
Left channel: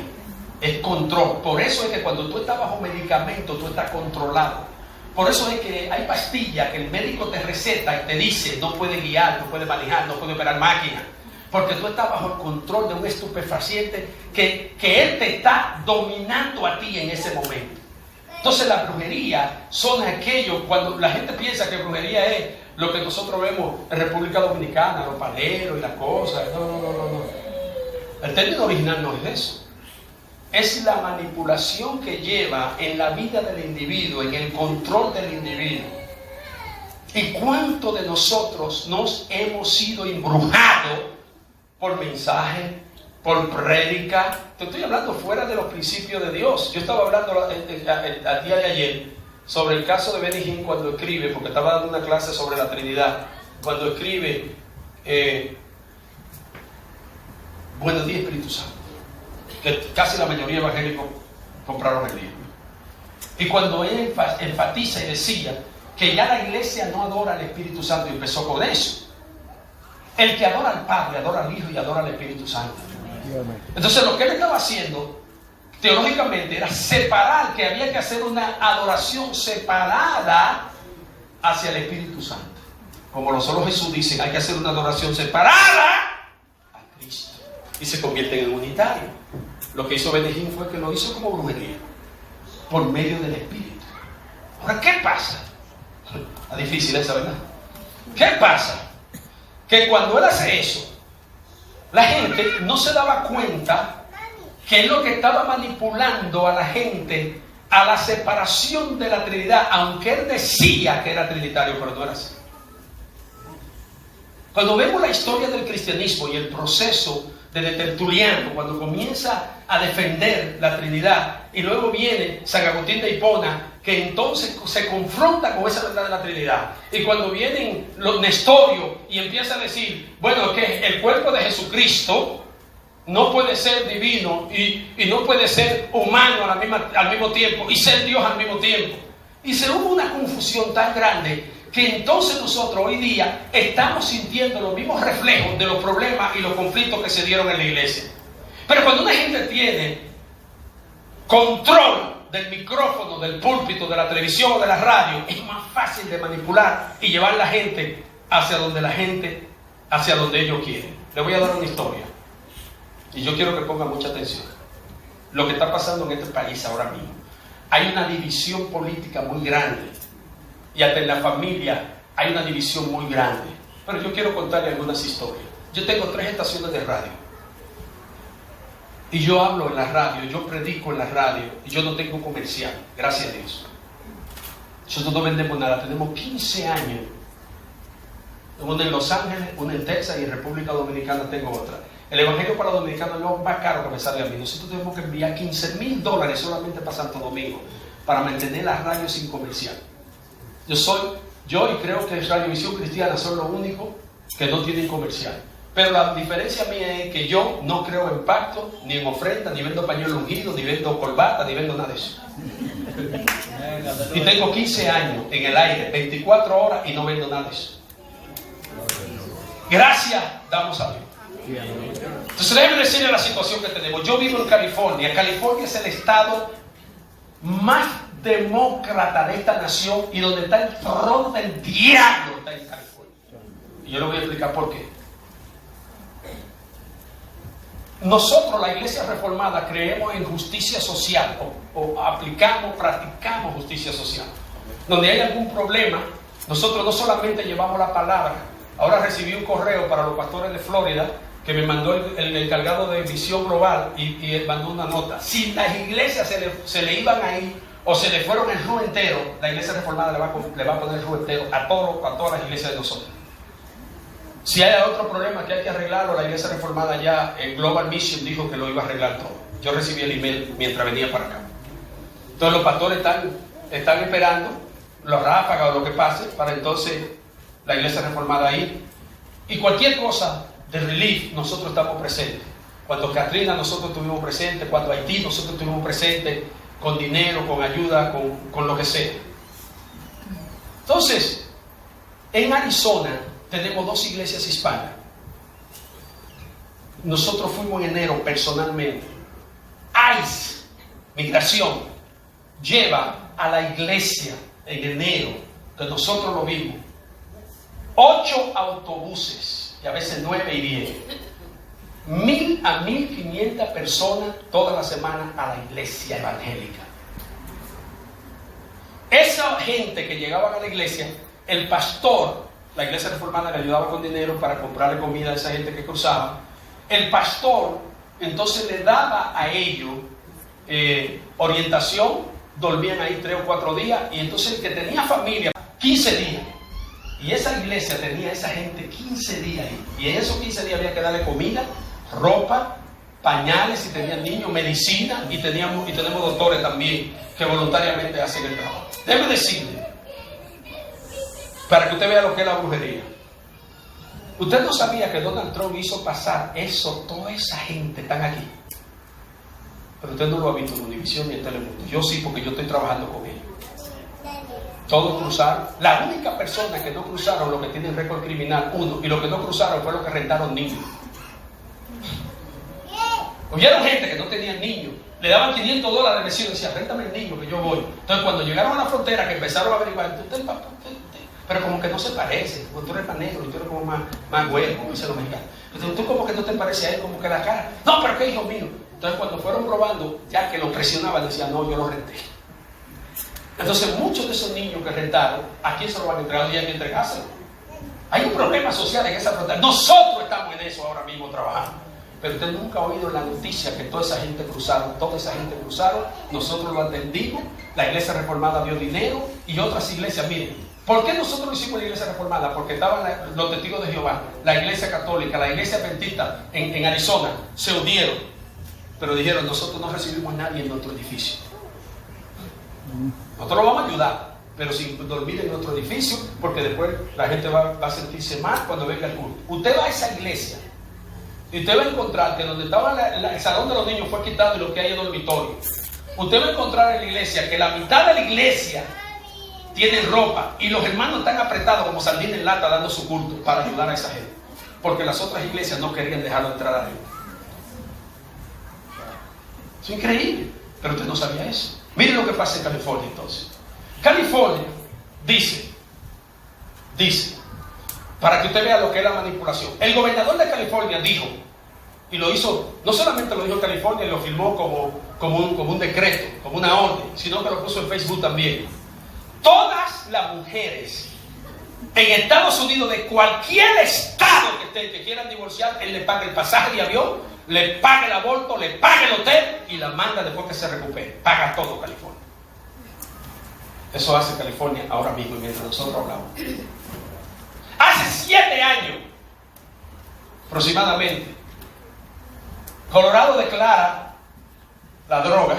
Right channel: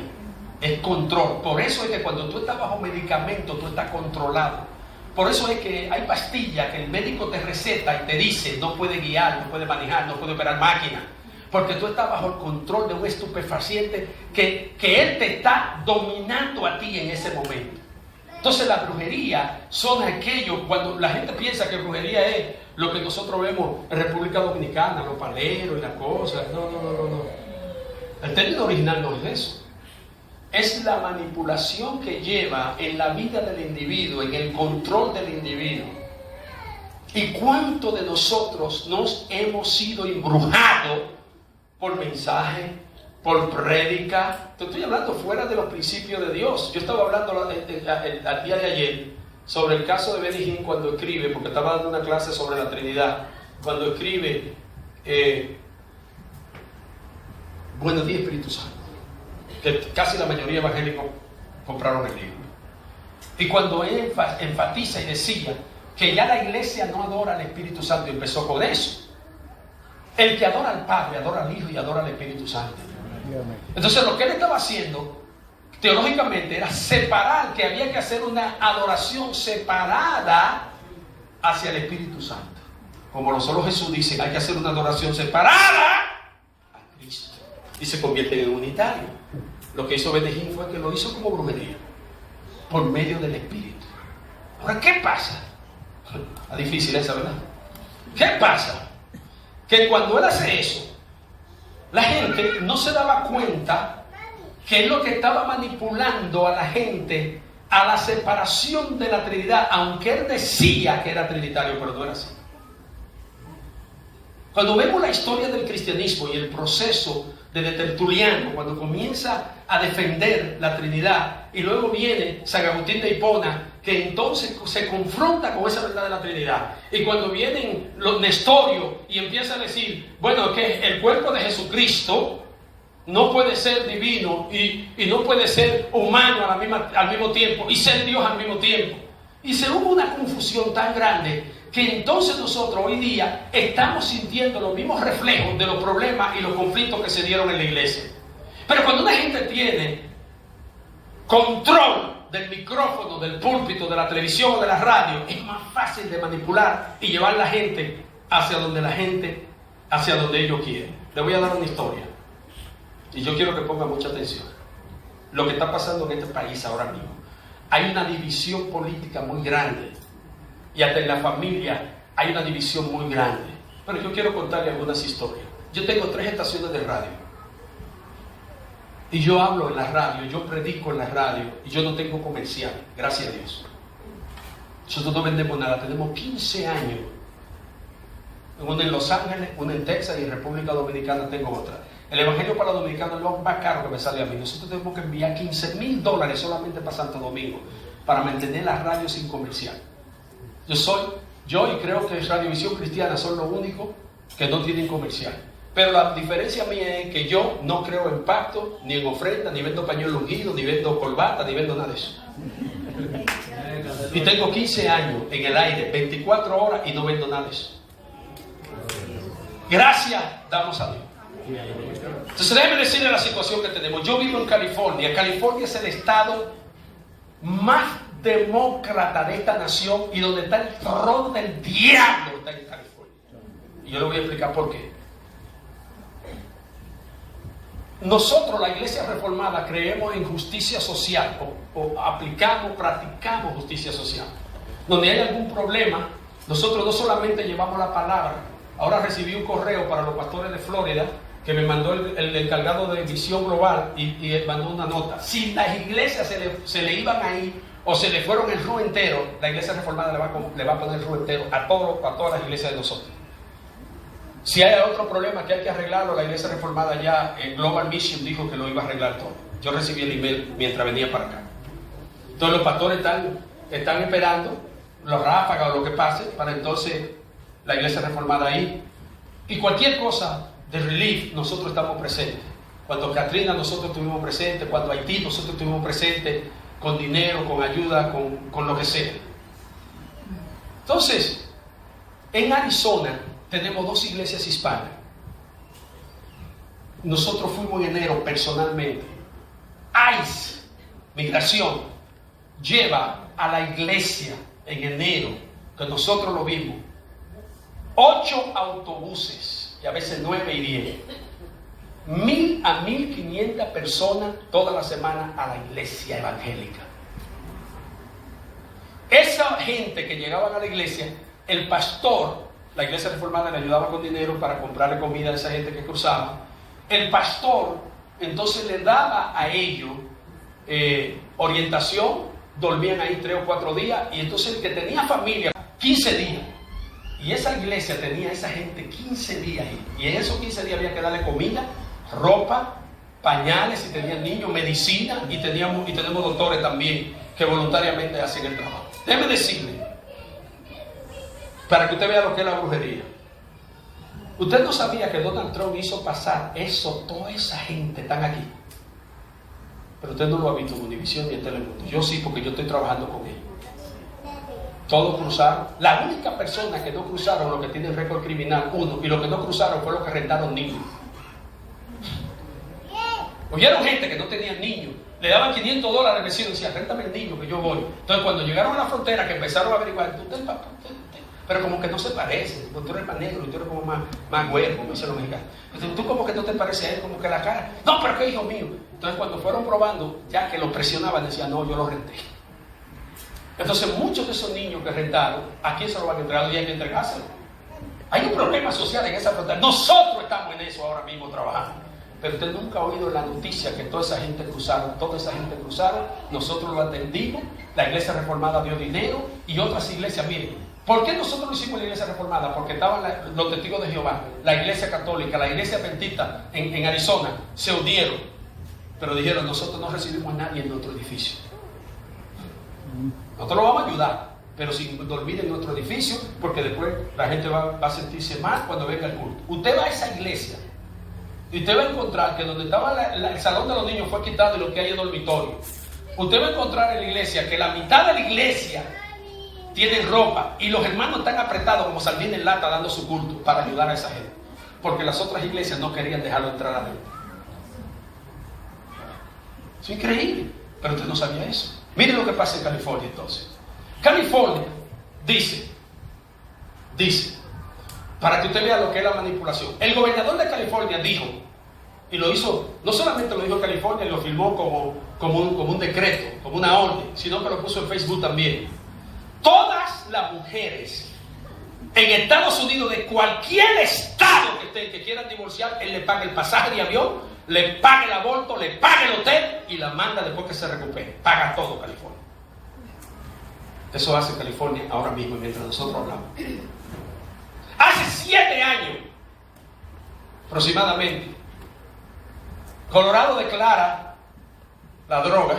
Es control. Por eso es que cuando tú estás bajo medicamento, tú estás controlado. Por eso es que hay pastillas que el médico te receta y te dice, no puede guiar, no puede manejar, no puede operar máquina. Porque tú estás bajo el control de un estupefaciente que él te está dominando a ti en ese momento. Entonces la brujería son aquellos, cuando la gente piensa que brujería es lo que nosotros vemos en República Dominicana, los paleros y las cosas. No. El término original no es eso. Es la manipulación que lleva en la vida del individuo, en el control del individuo. ¿Y cuánto de nosotros nos hemos sido embrujados por mensaje, por prédica? Te estoy hablando fuera de los principios de Dios. Yo estaba hablando el día de ayer sobre el caso de Benny Hinn cuando escribe, porque estaba dando una clase sobre la Trinidad, cuando escribe Buenos días, Espíritu Santo, que casi la mayoría de evangélicos compraron el libro. Y cuando él enfatiza y decía que ya la iglesia no adora al Espíritu Santo, y empezó con eso. El que adora al Padre, adora al Hijo y adora al Espíritu Santo. Entonces lo que él estaba haciendo teológicamente era separar, que había que hacer una adoración separada hacia el Espíritu Santo. Como solo Jesús dice, hay que hacer una adoración separada a Cristo. Y se convierte en unitario. Lo que hizo Benny Hinn fue que lo hizo como brujería, por medio del Espíritu. Ahora, ¿qué pasa? Es difícil esa, ¿verdad? ¿Qué pasa? Que cuando él hace eso, la gente no se daba cuenta que es lo que estaba manipulando a la gente a la separación de la Trinidad, aunque él decía que era trinitario, pero no era así. Cuando vemos la historia del cristianismo y el proceso de Tertuliano, cuando comienza a defender la Trinidad, y luego viene San Agustín de Hipona, que entonces se confronta con esa verdad de la Trinidad, y cuando vienen los nestorios y empiezan a decir, bueno, que el cuerpo de Jesucristo no puede ser divino y no puede ser humano al mismo tiempo y ser Dios al mismo tiempo, y se hubo una confusión tan grande que entonces nosotros hoy día estamos sintiendo los mismos reflejos de los problemas y los conflictos que se dieron en la iglesia. Pero cuando una gente tiene control del micrófono, del púlpito, de la televisión o de la radio, es más fácil de manipular y llevar a la gente hacia donde ellos quieren. Les voy a dar una historia y yo quiero que pongan mucha atención. Lo que está pasando en este país ahora mismo. Hay una división política muy grande. Y hasta en la familia hay una división muy grande. Pero yo quiero contarle algunas historias. Yo tengo 3 estaciones de radio. Y yo hablo en la radio, yo predico en la radio. Y yo no tengo comercial, gracias a Dios. Nosotros no vendemos nada. Tenemos 15 años. Una en Los Ángeles, una en Texas y en República Dominicana tengo otra. El evangelio para los dominicanos es lo más caro que me sale a mí. Nosotros tenemos que enviar $15,000 solamente para Santo Domingo para mantener la radio sin comercial. Yo y creo que Radiovisión Cristiana son los únicos que no tienen comercial. Pero la diferencia mía es que yo no creo en pacto, ni en ofrenda, ni vendo pañuelo ungido, ni vendo corbata, ni vendo nada de eso. Y tengo 15 años en el aire, 24 horas y no vendo nada de eso. Gracias damos a Dios. Entonces déjenme decirles la situación que tenemos. Yo vivo en California. California es el estado más demócrata de esta nación y donde está el trono del diablo está en California. Y yo le voy a explicar por qué. Nosotros, la Iglesia Reformada, creemos en justicia social o practicamos justicia social. Donde hay algún problema, nosotros no solamente llevamos la palabra. Ahora recibí un correo para los pastores de Florida que me mandó el encargado de visión global y mandó una nota. Si las iglesias se le iban a ir o se le fueron el RU entero, la Iglesia Reformada le va a poner el RU entero a todas las iglesias de nosotros. Si hay otro problema que hay que arreglarlo, la Iglesia Reformada ya, el Global Mission dijo que lo iba a arreglar todo. Yo recibí el email mientras venía para acá. Entonces los pastores están esperando los ráfagas o lo que pase para entonces la Iglesia Reformada ir. Y cualquier cosa de relief, nosotros estamos presentes. Cuando Katrina nosotros estuvimos presentes, cuando Haití nosotros estuvimos presentes, con dinero, con ayuda, con lo que sea. Entonces, en Arizona tenemos 2 iglesias hispanas. Nosotros fuimos en enero personalmente. ICE, Migración, lleva a la iglesia en enero, que nosotros lo vimos, 8 autobuses, y a veces 9 y 10. 1,000 a 1,500 personas toda la semana a la iglesia evangélica. Esa gente que llegaban a la iglesia, el pastor, la Iglesia Reformada le ayudaba con dinero para comprarle comida a esa gente que cruzaba. El pastor entonces le daba a ellos orientación, dormían ahí 3 o 4 días, y entonces el que tenía familia, 15 días. Y esa iglesia tenía a esa gente 15 días ahí. Y en esos 15 días había que darle comida, ropa, pañales si tenían niños, medicina, y tenemos doctores también que voluntariamente hacen el trabajo. Déjeme decirle, para que usted vea lo que es la brujería. Usted no sabía que Donald Trump hizo pasar eso, toda esa gente están aquí. Pero usted no lo ha visto en Univision ni en Telemundo. Yo sí, porque yo estoy trabajando con ellos. Todos cruzaron. La única persona que no cruzaron, los que tienen récord criminal, 1, y los que no cruzaron fue los que rentaron niños. Hubieron gente que no tenían niños, le daban $500 al vecino y decía, réntame el niño que yo voy. Entonces cuando llegaron a la frontera, que empezaron a averiguar, usted, pero como que no se parece, como tú eres más negro y tú eres como más güero, como dicen los mexicanos. Entonces tú como que no te pareces a él, como que la cara, no, pero que hijo mío. Entonces cuando fueron probando, ya que lo presionaban, decían, no, yo lo renté. Entonces muchos de esos niños que rentaron, ¿a quién se lo van a entregar? Y hay que entregárselo. Hay un problema social en esa frontera. Nosotros estamos en eso ahora mismo trabajando. Pero usted nunca ha oído la noticia que toda esa gente cruzaron, nosotros lo atendimos, la Iglesia Reformada dio dinero y otras iglesias, miren. ¿Por qué nosotros lo hicimos la Iglesia Reformada? Porque estaban los testigos de Jehová, la Iglesia Católica, la Iglesia Adventista en Arizona, se unieron, pero dijeron, nosotros no recibimos a nadie en nuestro edificio. Nosotros lo vamos a ayudar, pero sin dormir en nuestro edificio, porque después la gente va a sentirse mal cuando venga el culto. Usted va a esa iglesia y usted va a encontrar que donde estaba el salón de los niños fue quitado y lo que hay es dormitorio. Usted va a encontrar en la iglesia que la mitad de la iglesia tiene ropa y los hermanos están apretados como sardina en lata dando su culto para ayudar a esa gente, porque las otras iglesias no querían dejarlo entrar a Dios. Es increíble, pero usted no sabía eso. Miren lo que pasa en California entonces. California dice, para que usted vea lo que es la manipulación. El gobernador de California dijo, y lo hizo, no solamente lo dijo en California y lo firmó como un decreto, como una orden, sino que lo puso en Facebook también. Todas las mujeres en Estados Unidos, de cualquier estado que quieran divorciar, él le paga el pasaje de avión, le paga el aborto, le paga el hotel y la manda después que se recupere. Paga todo California. Eso hace California ahora mismo mientras nosotros hablamos. Hace 7 años aproximadamente, Colorado declara la droga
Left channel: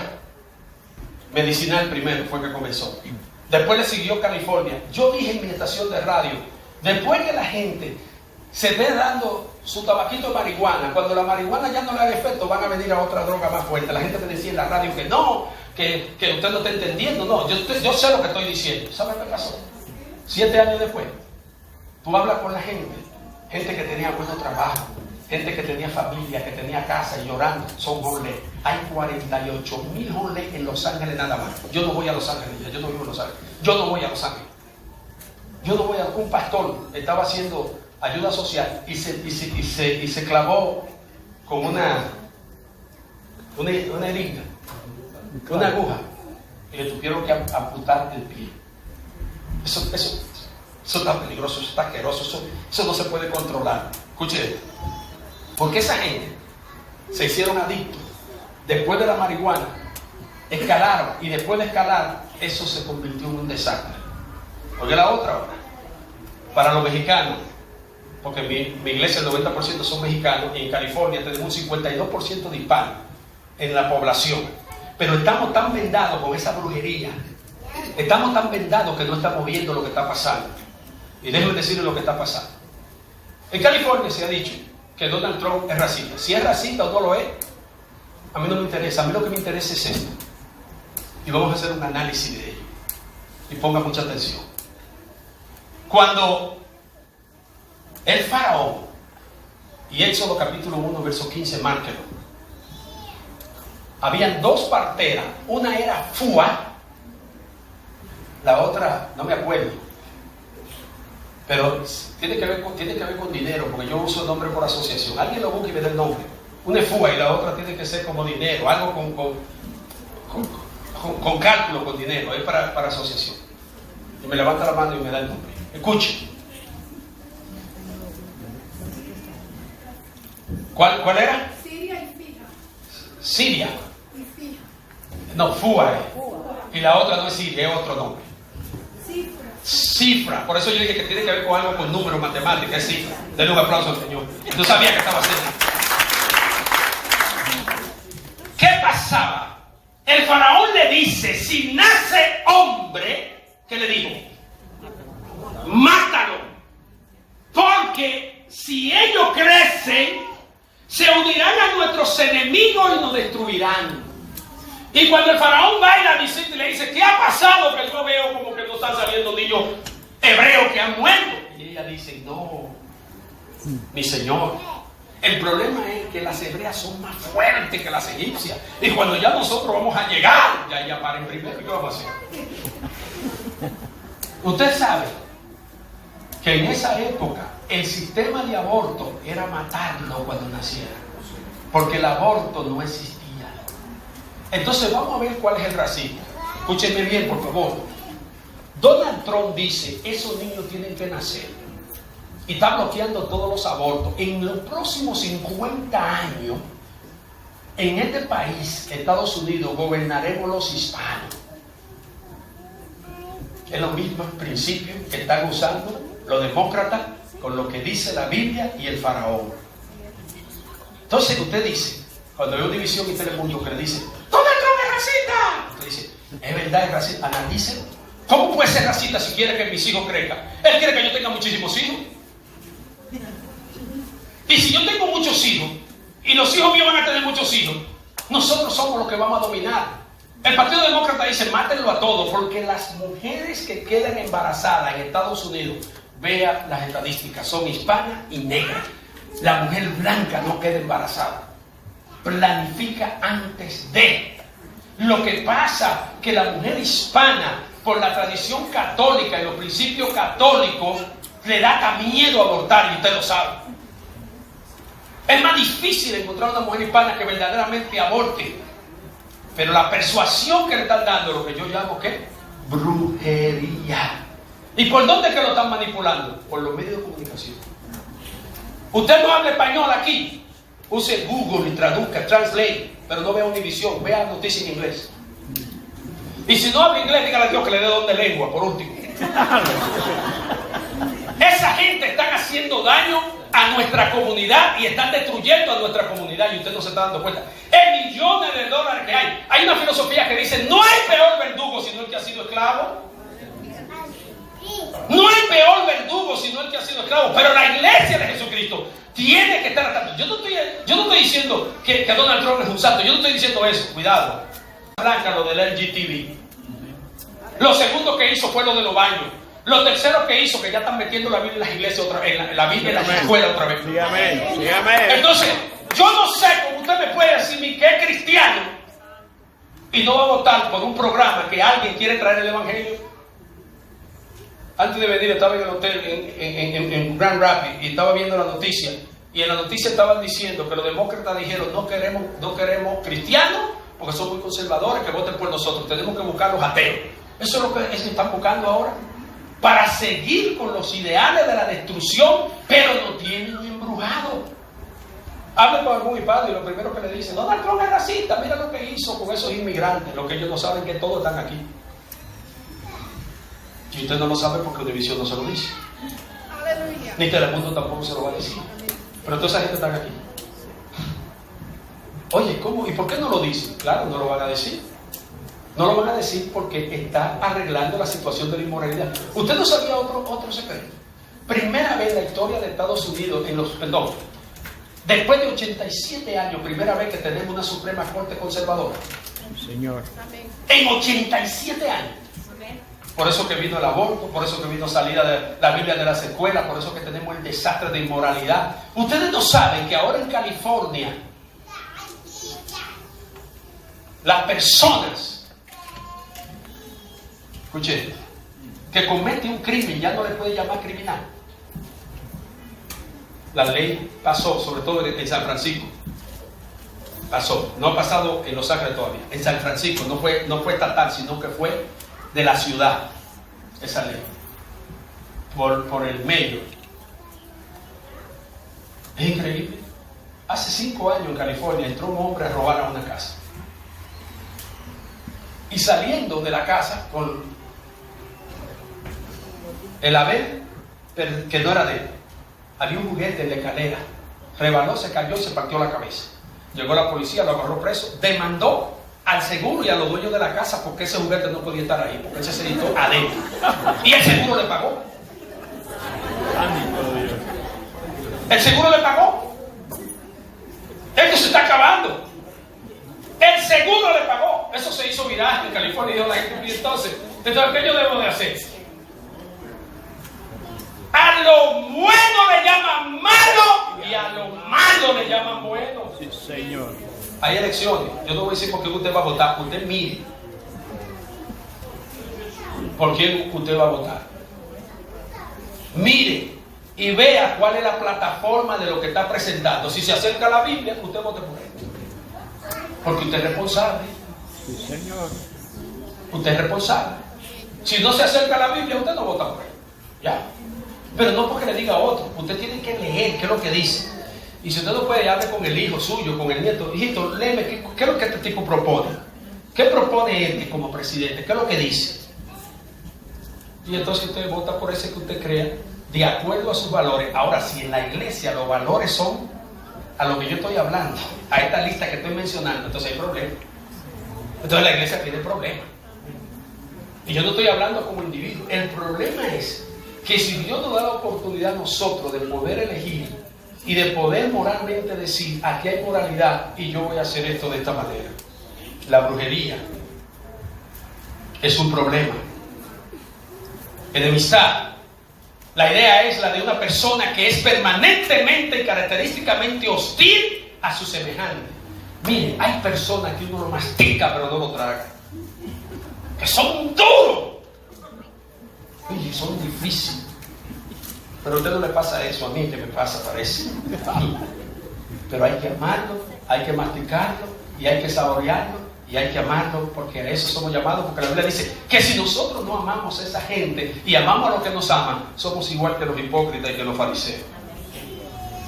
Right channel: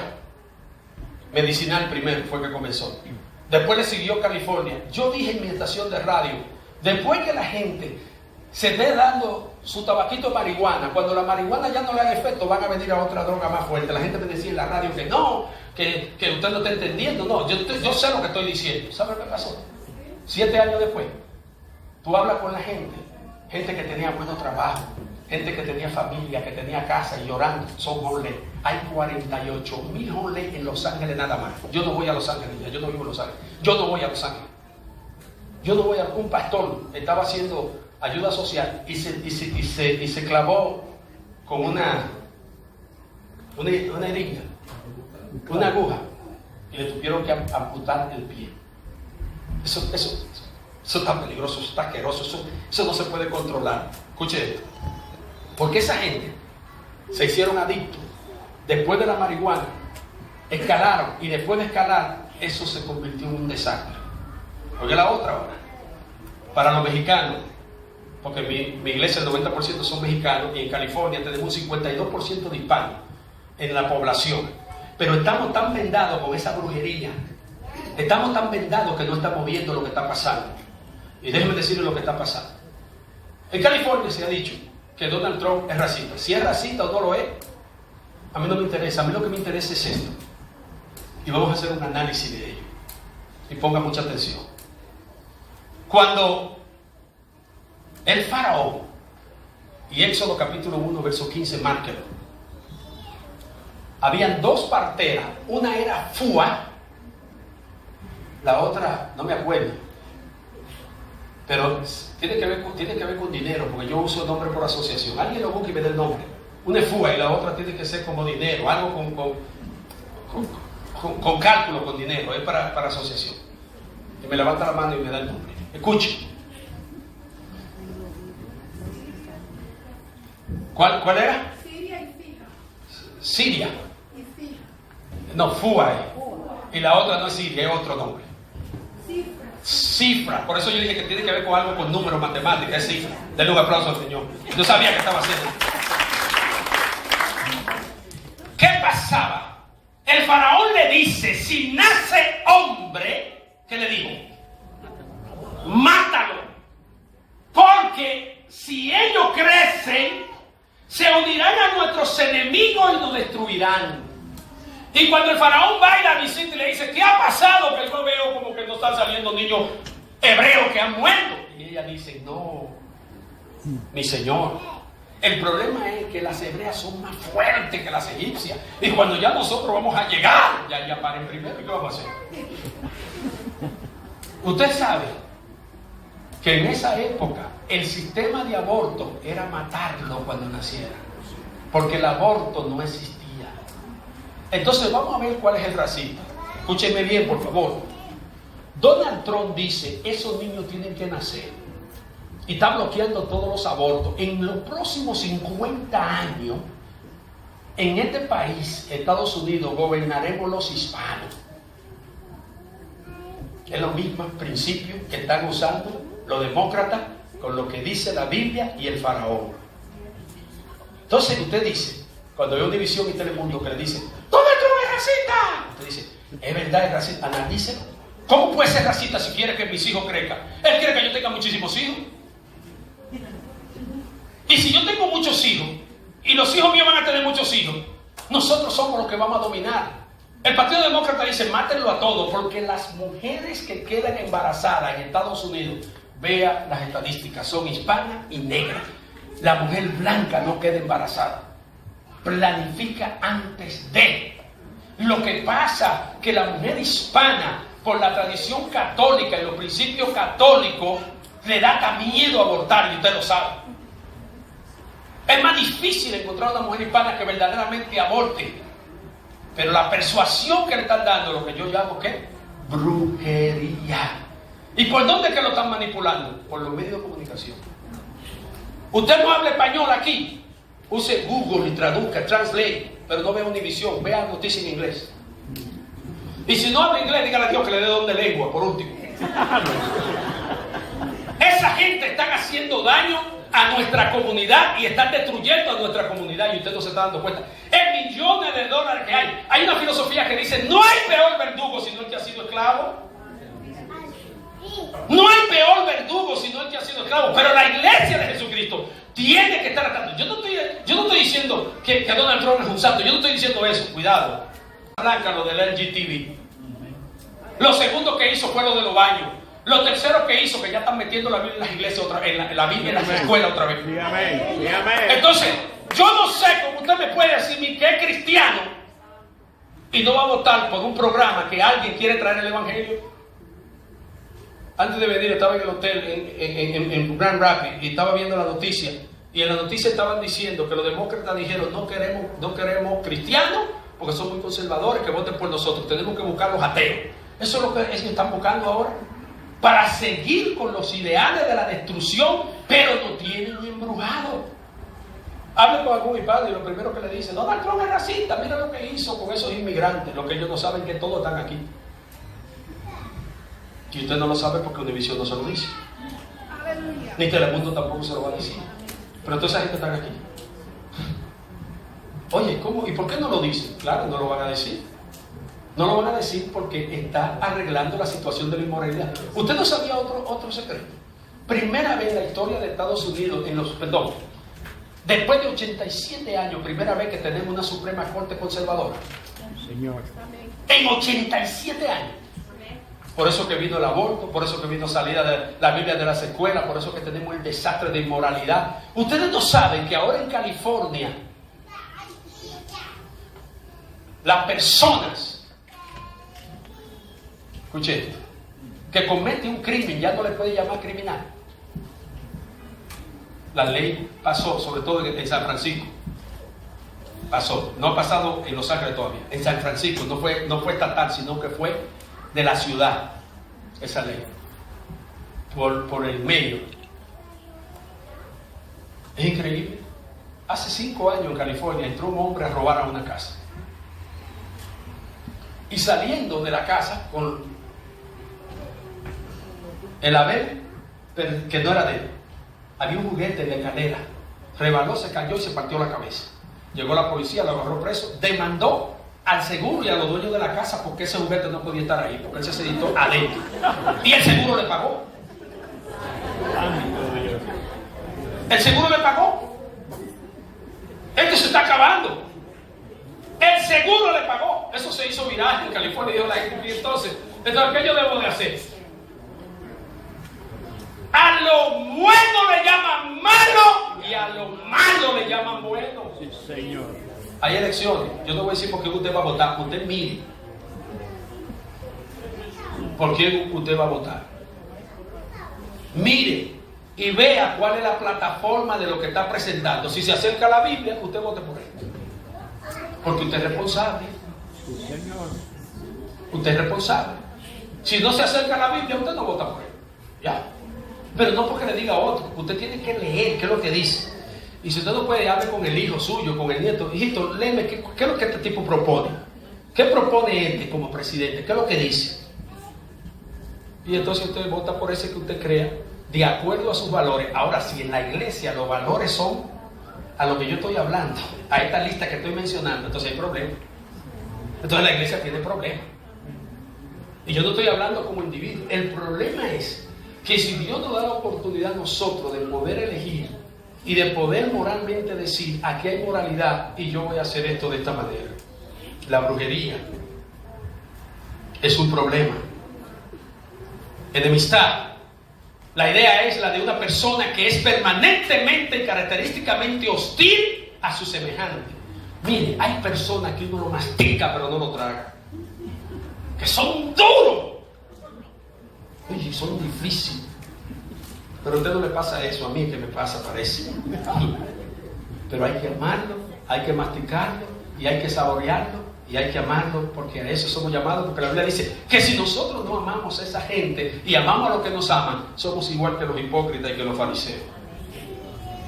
medicinal primero, fue que comenzó. Después le siguió California. Yo dije en mi estación de radio, después que la gente se esté dando su tabaquito de marihuana, cuando la marihuana ya no le haga efecto, van a venir a otra droga más fuerte. La gente me decía en la radio que no, que usted no está entendiendo. No, yo sé lo que estoy diciendo. ¿Sabe qué pasó? 7 años después, tú hablas con la gente que tenía buenos trabajos, gente que tenía familia, que tenía casa y llorando, son homeless. Hay 48,000 homeless en Los Ángeles nada más. Yo no voy a Los Ángeles, yo no vivo en Los Ángeles. Yo no voy a Los Ángeles. Yo no voy a... Un pastor estaba haciendo ayuda social y se clavó con una jeringa, una aguja, y le tuvieron que amputar el pie. Eso está peligroso, eso está asqueroso, eso no se puede controlar. Escuche, porque esa gente se hicieron adictos después de la marihuana, escalaron, y después de escalar, eso se convirtió en un desastre. Oye la otra ahora, para los mexicanos, porque mi iglesia el 90% son mexicanos, y en California tenemos un 52% de hispanos en la población, pero estamos tan vendados con esa brujería, estamos tan vendados que no estamos viendo lo que está pasando. Y déjenme decirles lo que está pasando. En California se ha dicho que Donald Trump es racista. Si es racista o no lo es, a mí no me interesa. A mí lo que me interesa es esto, y vamos a hacer un análisis de ello, y ponga mucha atención. Cuando el faraón, y Éxodo capítulo 1 verso 15, márquelo, habían dos parteras, una era Fua, la otra no me acuerdo, pero tiene que ver con dinero, porque yo uso el nombre por asociación. Alguien lo busca y me da el nombre. Una es Fua y la otra tiene que ser como dinero, algo con cálculo, con dinero, es para asociación. Y me levanta la mano y me da el nombre. Escuche. ¿Cuál era? Siria y Fija. Siria. Y Fija. No, Fua. Y la otra no es Siria, es otro nombre. Cifra. Cifra. Por eso yo dije que tiene que ver con algo con números, matemáticas, es cifra. Denle un aplauso al Señor. Yo sabía que estaba haciendo. ¿Qué pasaba? El faraón le dice, si nace hombre, ¿qué le digo? Mátalo. Porque si ellos crecen, se unirán a nuestros enemigos y nos destruirán. Y cuando el faraón va y la visita y le dice, ¿qué ha pasado? Que yo veo como que no están saliendo niños hebreos que han muerto. Y ella dice, no, mi señor, el problema es que las hebreas son más fuertes que las egipcias. Y cuando ya nosotros vamos a llegar, ya paren primero, ¿qué vamos a hacer? Usted sabe que en esa época el sistema de aborto era matarlo cuando naciera, porque el aborto no existía. Entonces vamos a ver cuál es el racismo. Escúchenme bien, por favor. Donald Trump dice, esos niños tienen que nacer, y está bloqueando todos los abortos. En los próximos 50 años, en este país, Estados Unidos, gobernaremos los hispanos. Es los mismos principios que están usando los demócratas con lo que dice la Biblia y el faraón. Entonces usted dice, cuando hay una división y Telemundo que le dice, Donald Trump es racista, usted dice, es verdad, es racista, analícelo. ¿Cómo puede ser racista si quiere que mis hijos crezcan? Él quiere que yo tenga muchísimos hijos. Y si yo tengo muchos hijos, y los hijos míos van a tener muchos hijos, nosotros somos los que vamos a dominar. El Partido Demócrata dice, mátenlo a todos, porque las mujeres que quedan embarazadas en Estados Unidos, vea las estadísticas, son hispanas y negras. La mujer blanca no queda embarazada. Planifica antes de. Lo que pasa que la mujer hispana, por la tradición católica y los principios católicos, le da hasta miedo a abortar, y usted lo sabe. Es más difícil encontrar una mujer hispana que verdaderamente aborte. Pero la persuasión que le están dando, lo que yo llamo, ¿qué? Brujería. ¿Y por dónde es que lo están manipulando? Por los medios de comunicación. Usted no habla español aquí, use Google y traduzca, translate, pero no vea Univisión, vea noticias en inglés. Y si no habla inglés, dígale a Dios que le dé don de lengua, por último. Esa gente está haciendo daño a nuestra comunidad y están destruyendo a nuestra comunidad, y usted no se está dando cuenta. En millones de dólares que hay. Hay una filosofía que dice, no hay peor verdugo sino el que ha sido esclavo. No hay peor verdugo sino el que ha sido esclavo. Pero la iglesia de Jesucristo tiene que estar atento. Yo no estoy diciendo que Donald Trump es un santo. Yo no estoy diciendo eso. Cuidado. Arranca lo del LGTB. Lo segundo que hizo fue lo de los baños. Lo tercero que hizo, que ya están metiendo la Biblia en las iglesias otra vez, la Biblia en las escuelas otra vez. Sí, amén. Sí, amén. Entonces, yo no sé cómo usted me puede decir que es cristiano y no va a votar por un programa que alguien quiere traer el evangelio. Antes de venir estaba en el hotel en Grand Rapids y estaba viendo la noticia. Y en la noticia estaban diciendo que los demócratas dijeron no queremos cristianos porque son muy conservadores, que voten por nosotros. Tenemos que buscar los ateos. Eso es lo que ellos están buscando ahora. Para seguir con los ideales de la destrucción, pero lo tienen embrujado. Hable con algún padre y lo primero que le dicen, Donald Trump es racista, mira lo que hizo con esos inmigrantes. Lo que ellos no saben que todos están aquí. Y usted no lo sabe porque Univision no se lo dice. Aleluya. Ni Telemundo tampoco se lo va a decir. Pero toda esa gente está aquí. Oye, ¿cómo? ¿Y por qué no lo dicen? Claro, no lo van a decir. No lo van a decir porque está arreglando la situación de la inmoralidad. ¿Usted no sabía otro secreto? Primera vez en la historia de Estados Unidos, después de 87 años, primera vez que tenemos una Suprema Corte conservadora. Señor. En 87 años. Por eso que vino el aborto, por eso que vino salida de la Biblia de las escuelas, por eso que tenemos el desastre de inmoralidad. Ustedes no saben que ahora en California las personas, escuche, que comete un crimen ya no le puede llamar criminal. La ley pasó, sobre todo en San Francisco. Pasó, no ha pasado en Los Ángeles todavía. En San Francisco no fue estatal, sino que fue de la ciudad, esa ley, por el medio. Es increíble. Hace 5 años en California entró un hombre a robar a una casa. Y saliendo de la casa con el haber, que no era de él, había un juguete en la escalera, rebaló, se cayó y se partió la cabeza. Llegó la policía, lo agarró preso, demandó al seguro y a los dueños de la casa porque ese juguete no podía estar ahí, porque ese se editó adentro. Y el seguro le pagó. El seguro le pagó. Esto se está acabando. El seguro le pagó. Eso se hizo viral en California y dio la gente. Y entonces, ¿qué yo debo de hacer? A lo bueno le llaman malo y a lo malo le llaman bueno. Sí, Señor. Hay elecciones. Yo no voy a decir por qué usted va a votar. Usted mire por quién usted va a votar. Mire y vea cuál es la plataforma de lo que está presentando. Si se acerca a la Biblia, usted vote por él. Porque usted es responsable. Sí, Señor. Usted es responsable. Si no se acerca a la Biblia, usted no vota por él. Ya. Pero no porque le diga a otro. Usted tiene que leer qué es lo que dice. Y si usted no puede, hable con el hijo suyo, con el nieto. Hijito, léeme qué es lo que este tipo propone. ¿Qué propone este como presidente? ¿Qué es lo que dice? Y entonces usted vota por ese que usted crea, de acuerdo a sus valores. Ahora, si en la iglesia los valores son a lo que yo estoy hablando, a esta lista que estoy mencionando, entonces hay problema. Entonces la iglesia tiene problemas. Y yo no estoy hablando como individuo. El problema es que si Dios nos da la oportunidad a nosotros de poder elegir y de poder moralmente decir, aquí hay moralidad y yo voy a hacer esto de esta manera. La brujería es un problema. Enemistad. La idea es la de una persona que es permanentemente y característicamente hostil a su semejante. Mire, hay personas que uno lo mastica pero no lo traga. Que son duros. Oye, son difíciles. Pero a usted no le pasa eso, a mí que me pasa, parece. Pero hay que amarlo, hay que masticarlo, y hay que saborearlo, y hay que amarlo, porque a eso somos llamados. Porque la Biblia dice que si nosotros no amamos a esa gente y amamos a los que nos aman, somos igual que los hipócritas y que los fariseos.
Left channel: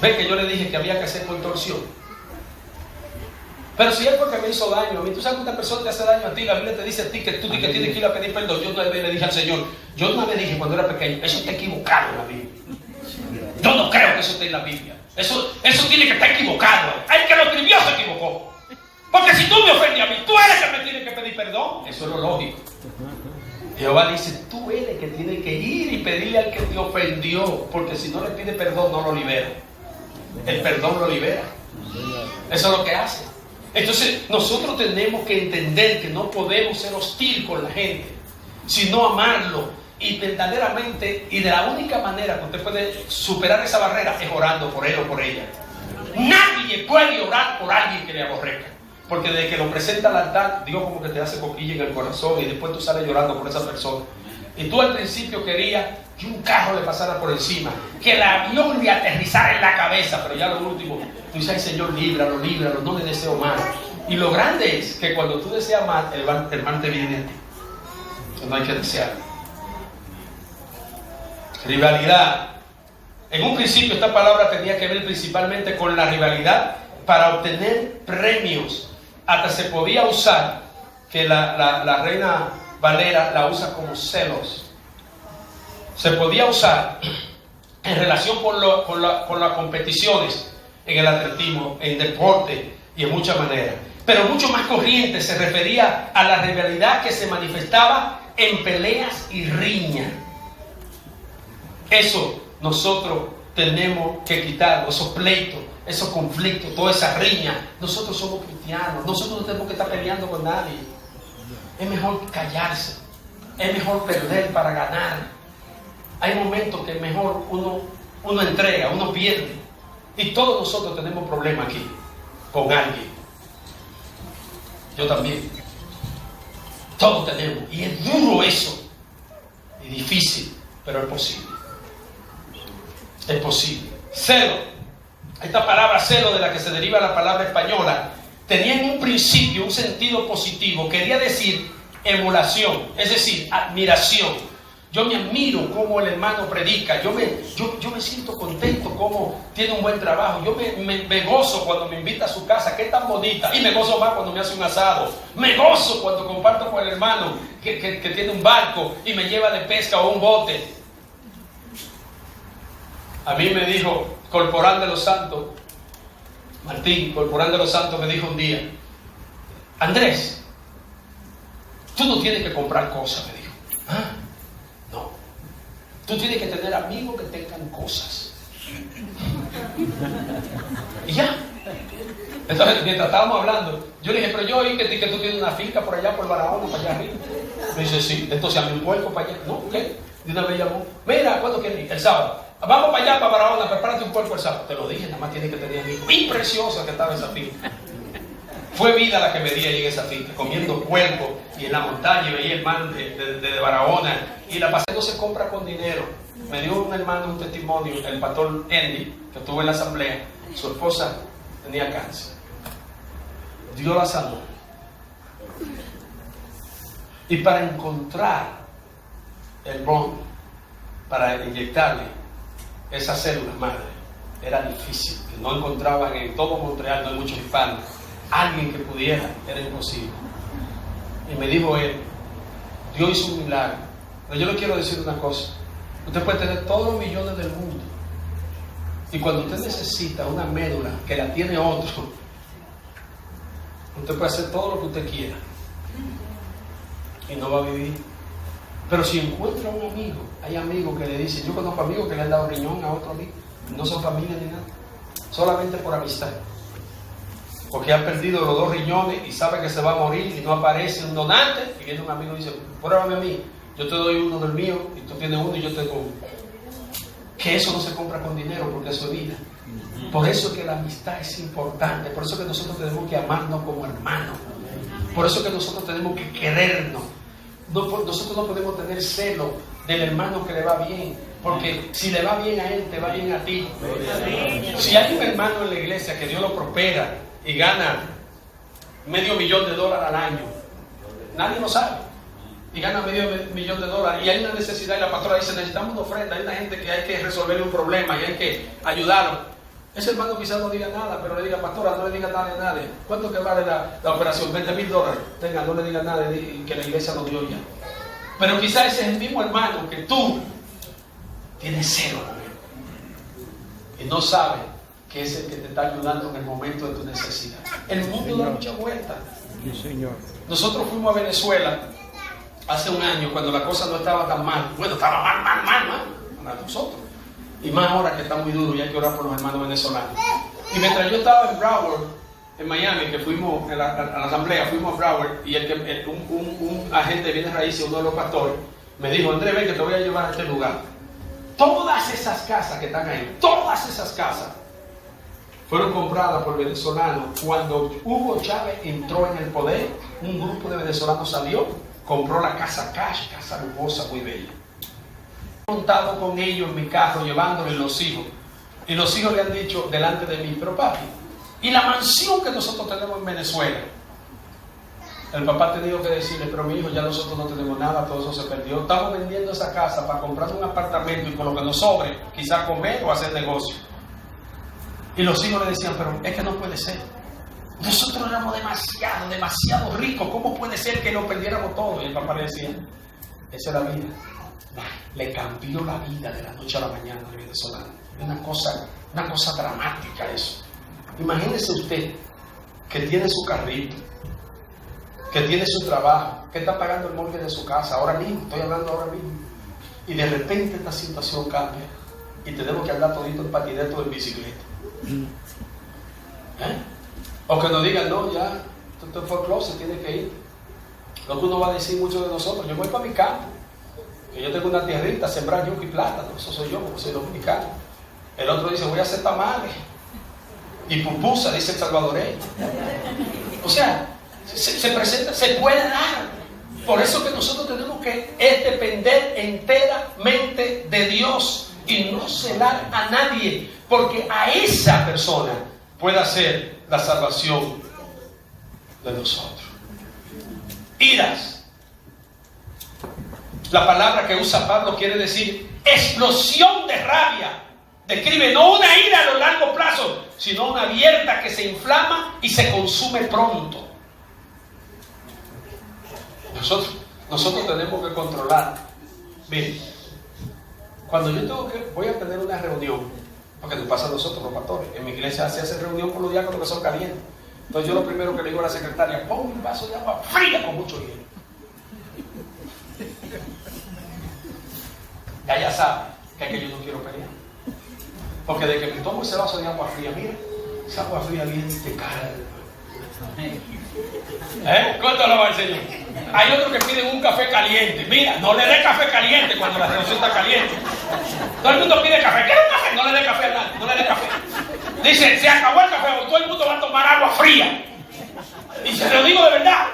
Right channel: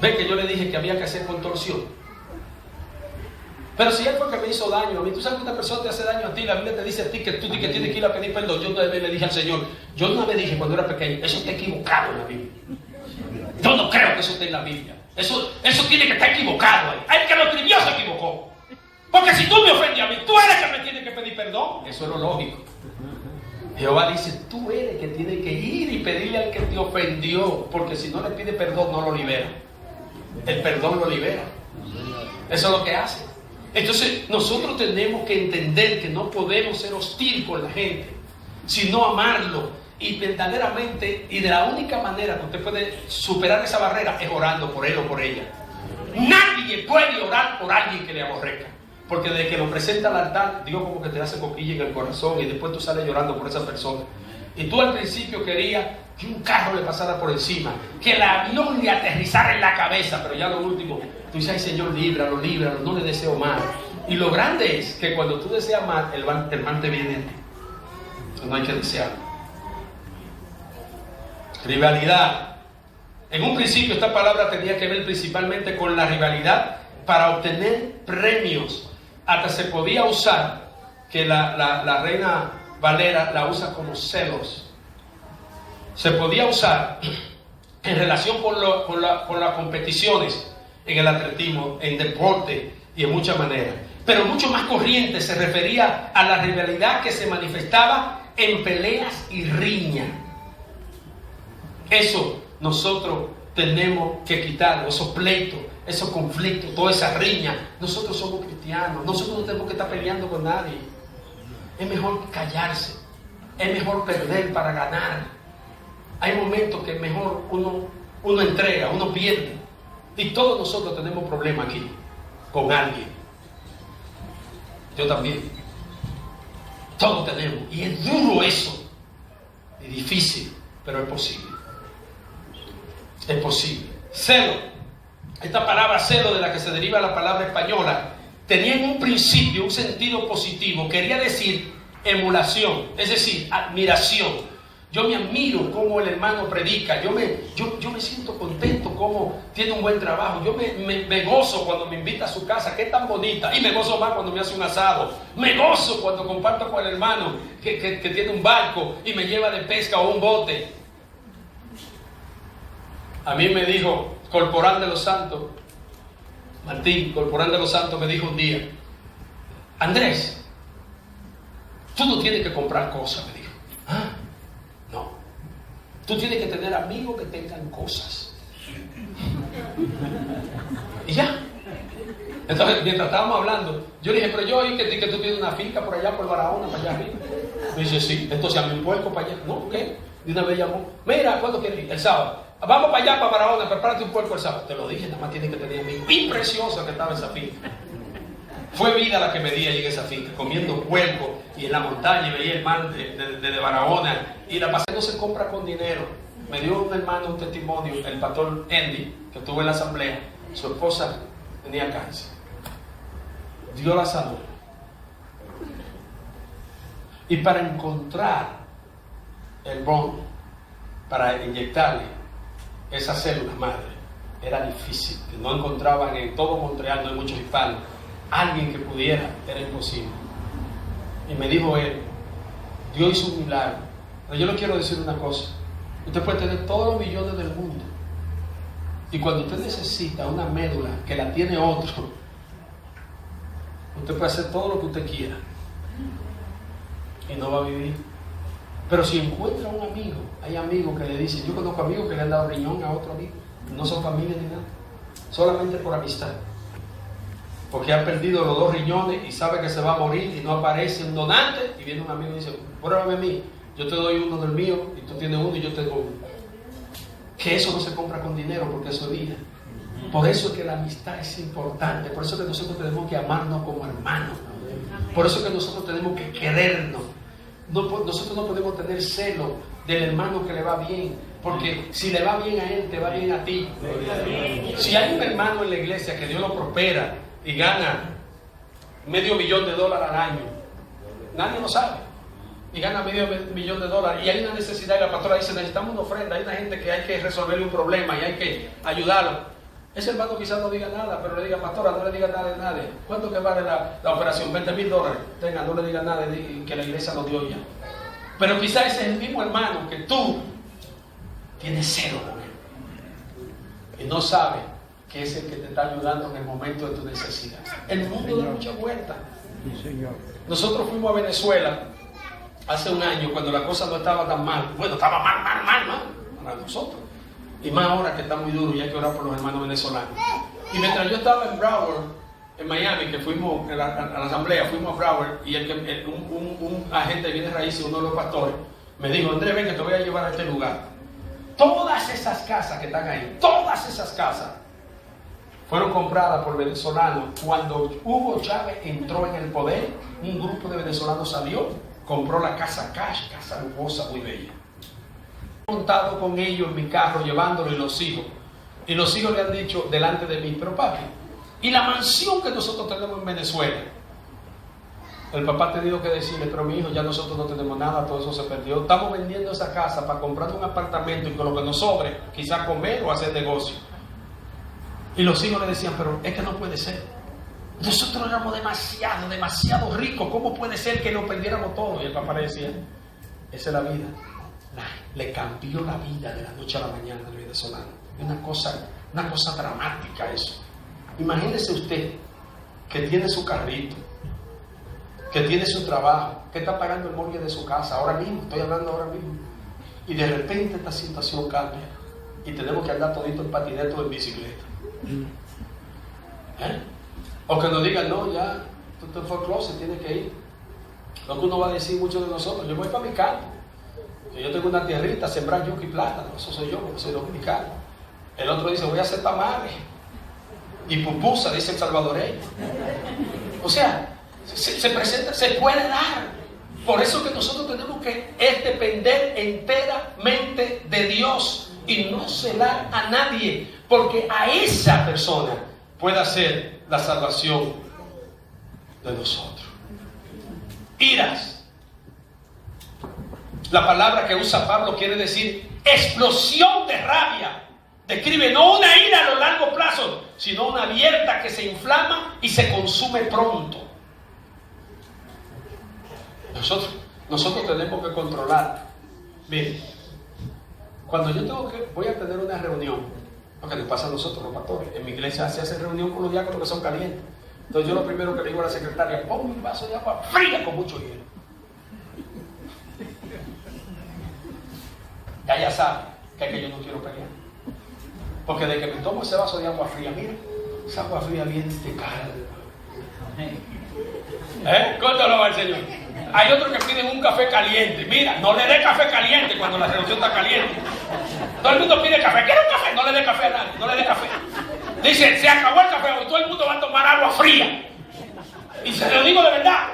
¿Ven que yo le dije que había que hacer contorsión? Pero si es porque me hizo daño a mí, tú sabes que una persona te hace daño a ti, la Biblia te dice a ti que tú tienes que ir a pedir perdón. Yo una vez le dije al Señor, yo una vez dije cuando era pequeño, eso está equivocado en la Biblia. Yo no creo que eso esté en la Biblia. Eso tiene que estar equivocado. El que lo escribió se equivocó. Porque si tú me ofendes a mí, tú eres el que me tiene que pedir perdón. Eso es lo lógico. Jehová dice, tú eres el que tiene que ir y pedirle al que te ofendió, porque si no le pide perdón, no lo libera. El perdón lo libera. Eso es lo que hace. Entonces, nosotros tenemos que entender que no podemos ser hostil con la gente, sino amarlo Y verdaderamente, y de la única manera que usted puede superar esa barrera es orando por él o por ella. Nadie puede orar por alguien que le aborrezca. Porque desde que lo presenta al altar, Dios como que te hace coquilla en el corazón y después tú sales llorando por esa persona. Y tú al principio querías que un carro le pasara por encima, que el avión le aterrizara en la cabeza, pero ya lo último, tú dices, ay Señor, líbralo, líbralo, no le deseo mal. Y lo grande es que cuando tú deseas mal, el mal te viene a ti. No hay que desearlo. Rivalidad. En un principio esta palabra tenía que ver principalmente con la rivalidad para obtener premios. Hasta se podía usar, que la Reina Valera la usa como celos. Se podía usar en relación con las competiciones, en el atletismo, en deporte y en muchas maneras. Pero mucho más corriente se refería a la rivalidad que se manifestaba en peleas y riñas. Eso nosotros tenemos que quitar, esos pleitos, esos conflictos, toda esa riña. Nosotros somos cristianos, nosotros no tenemos que estar peleando con nadie. Es mejor callarse, es mejor perder para ganar. Hay momentos que mejor uno entrega, uno pierde. Y todos nosotros tenemos problemas aquí con alguien. Yo también. Todos tenemos. Y es duro eso. Y difícil, pero es posible. Es posible. Celo. Esta palabra celo, de la que se deriva la palabra española, tenía en un principio un sentido positivo. Quería decir emulación, es decir, admiración. Yo me admiro cómo el hermano predica. Yo me siento contento cómo tiene un buen trabajo. Yo me gozo cuando me invita a su casa, que es tan bonita. Y me gozo más cuando me hace un asado. Me gozo cuando comparto con el hermano que tiene un barco y me lleva de pesca o un bote. A mí me dijo Corporán de los Santos, Martín, Corporán de los Santos, me dijo un día: Andrés, tú no tienes que comprar cosas, me dijo. ¿Ah? No. Tú tienes que tener amigos que tengan cosas. Y ya. Entonces, mientras estábamos hablando, yo le dije, pero yo oí que tú tienes una finca por allá, por Barahona, para allá arriba. Me dice, sí. Entonces, a mí un puerco para allá. No, ¿qué? De una vez llamó. Mira, ¿cuándo quieres ir? El sábado. Vamos para allá, para Barahona, prepárate un puerco el sábado. Te lo dije, nada más tienes que tener amigos. Y preciosa que estaba esa finca. Fue vida la que me di ahí en esa finca, comiendo puerco y en la montaña, y veía el mar de Barahona. Y la pasé, no se compra con dinero. Me dio un hermano un testimonio, el pastor Andy, que estuvo en la asamblea. Su esposa tenía cáncer. Dios la sanó. Y para encontrar el bond, para inyectarle esas células madre, era difícil. No encontraban en todo Montreal, no hay muchos hispanos, alguien que pudiera, era imposible. Y me dijo él, Dios hizo un milagro. Pero yo le quiero decir una cosa: usted puede tener todos los millones del mundo, y cuando usted necesita una médula que la tiene otro, usted puede hacer todo lo que usted quiera y no va a vivir. Pero si encuentra un amigo, hay amigos que le dicen, yo conozco amigos que le han dado riñón a otro amigo, no son familia ni nada, solamente por amistad, porque han perdido los 2 riñones y sabe que se va a morir y no aparece un donante, y viene un amigo y dice, pruébame a mí, yo te doy uno del mío y tú tienes uno y yo te doy uno. Que eso no se compra con dinero, porque eso es vida. Por eso que la amistad es importante, por eso que nosotros tenemos que amarnos como hermanos, por eso que nosotros tenemos que querernos. Nosotros no podemos tener celo del hermano que le va bien, porque si le va bien a él, te va bien a ti. Si hay un hermano en la iglesia que Dios lo prospera y gana $500,000 al año, nadie lo sabe, y gana $500,000, y hay una necesidad, y la pastora dice, necesitamos una ofrenda, hay una gente que hay que resolverle un problema y hay que ayudarlo. Ese hermano quizás no diga nada, pero le diga, pastora, no le diga nada a nadie. ¿Cuánto que vale la operación? $20,000. Tenga, no le diga nada, que la iglesia lo dio ya. Pero quizás ese es el mismo hermano que tú tienes celo también, y no sabe que es el que te está ayudando en el momento de tu necesidad. El mundo da mucha vuelta. Sí, Señor. Nosotros fuimos a Venezuela hace un año, cuando la cosa no estaba tan mal. Bueno, estaba mal para nosotros. Y más ahora que está muy duro y hay que orar por los hermanos venezolanos. Y mientras yo estaba en Broward, en Miami, que fuimos a la asamblea, fuimos a Broward, y un agente de bienes raíces, uno de los pastores, me dijo, Andrés, ven que te voy a llevar a este lugar. Todas esas casas que están ahí, todas esas casas fueron compradas por venezolanos. Cuando Hugo Chávez entró en el poder, un grupo de venezolanos salió, compró la casa Cash, casa lujosa, muy bella. He montado con ellos en mi carro, llevándoles los hijos. Y los hijos le han dicho delante de mí, pero papi, y la mansión que nosotros tenemos en Venezuela. El papá ha tenido que decirle, pero mi hijo, ya nosotros no tenemos nada, todo eso se perdió. Estamos vendiendo esa casa para comprar un apartamento y con lo que nos sobre, quizás comer o hacer negocio. Y los hijos le decían, pero es que no puede ser. Nosotros éramos demasiado ricos. ¿Cómo puede ser que lo perdiéramos todo? Y el papá le decía, esa es la vida. Le cambió la vida de la noche a la mañana al venezolano. Es una cosa dramática eso. Imagínese usted que tiene su carrito, que tiene su trabajo, que está pagando el mortgage de su casa ahora mismo, estoy hablando ahora mismo, y de repente esta situación cambia y tenemos que andar todito en patinete o en bicicleta. O que nos digan, no, ya, tú te foreclose, tienes que ir. Lo que uno va a decir muchos de nosotros, yo voy para mi campo, que yo tengo una tierrita, sembrar yuca y plátano, eso soy yo, como soy dominicano. El otro dice, voy a hacer tamales y pupusa, dice el salvadoreño. O sea, se presenta, se puede dar. Por eso que nosotros tenemos que depender enteramente de Dios y no celar a nadie, porque a esa persona puede hacer la salvación de nosotros. Iras. La palabra que usa Pablo quiere decir explosión de rabia. Describe no una ira a lo largo plazo, sino una abierta que se inflama y se consume pronto. Nosotros tenemos que controlar. Miren, cuando yo voy a tener una reunión, porque nos pasa a nosotros los pastores, en mi iglesia se hace reunión con los diáconos que son calientes. Entonces yo lo primero que le digo a la secretaria, pon un vaso de agua fría con mucho hielo. Ya sabe que yo no quiero caliente. Porque de que me tomo ese vaso de agua fría, mira, esa agua fría viene y te cae. ¿Cuánto lo va el Señor? Hay otros que piden un café caliente. Mira, no le dé café caliente cuando la situación está caliente. Todo el mundo pide café. ¿Quiere un café? No le dé café a nadie, no le dé café. Dice, se acabó el café, todo el mundo va a tomar agua fría. Y se lo digo de verdad,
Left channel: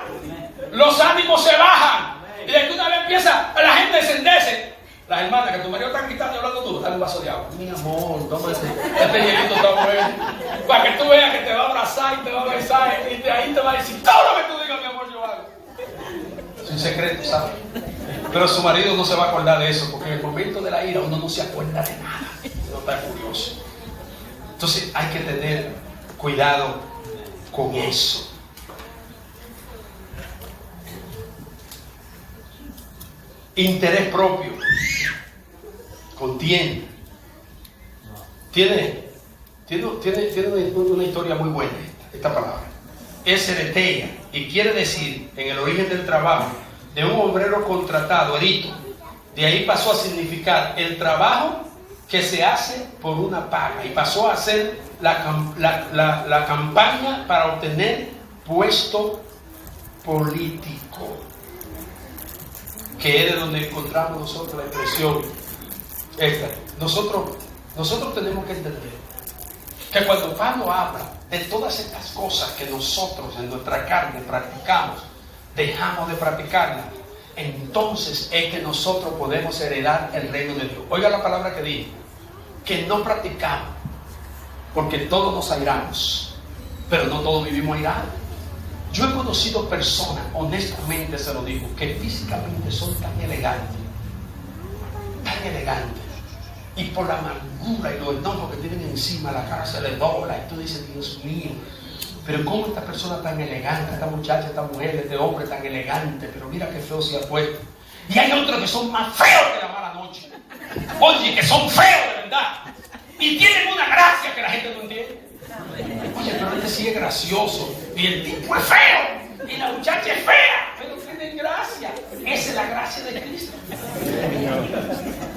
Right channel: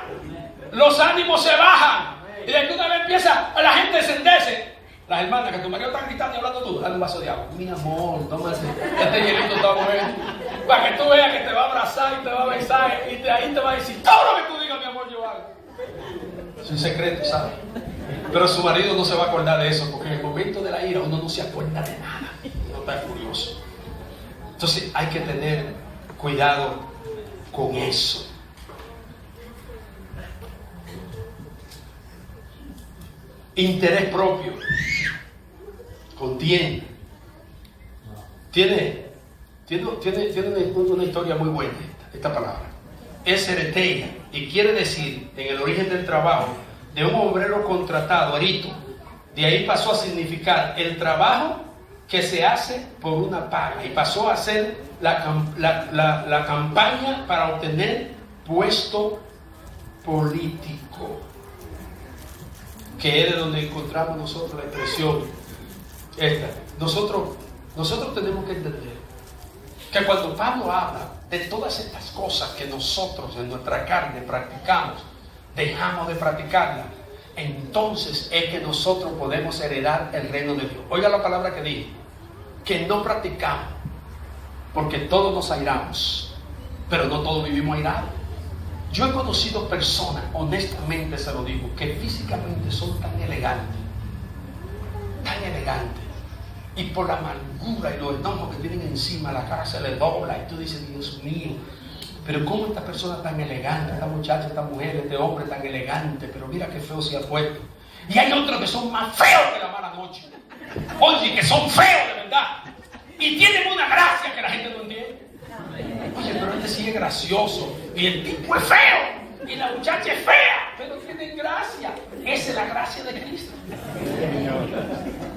los ánimos se bajan. Y de que una vez empieza la gente a encenderse. Las hermanas que tu marido está gritando y hablando tú, dale un vaso de agua. Mi amor, tómate, este hielito está bueno. Para que tú veas que te va a abrazar y te va a besar y de ahí te va a decir todo lo que tú digas, mi amor, yo hago. Es un secreto, ¿sabes? Pero su marido no se va a acordar de eso, porque en el momento de la ira uno no se acuerda de nada. Uno está furioso. Entonces hay que tener cuidado con eso. Interés propio. Contiene. Tiene una historia muy buena esta palabra. Es ereteia y quiere decir, en el origen del trabajo, de un obrero contratado, erito. De ahí pasó a significar el trabajo que se hace por una paga y pasó a ser la campaña para obtener puesto político, que es de donde encontramos nosotros la expresión esta. Nosotros tenemos que entender que cuando Pablo habla de todas estas cosas que nosotros en nuestra carne practicamos, dejamos de practicarlas, entonces es que nosotros podemos heredar el reino de Dios. Oiga la palabra que dice, que no practicamos, porque todos nos airamos, pero no todos vivimos airados. Yo he conocido personas, honestamente se lo digo, que físicamente son tan elegantes, y por la amargura y los enojos que tienen encima, la cara se les dobla y tú dices, Dios mío, pero cómo esta persona tan elegante, esta muchacha, esta mujer, este hombre tan elegante, pero mira qué feo se ha puesto. Y hay otros que son más feos que la mala noche. Oye, que son feos de verdad. Y tienen una gracia que la gente no entiende. Oye, pero este sí es gracioso. Y el tipo es feo. Y la muchacha es fea. Pero tienen gracia. Esa es la gracia de Cristo.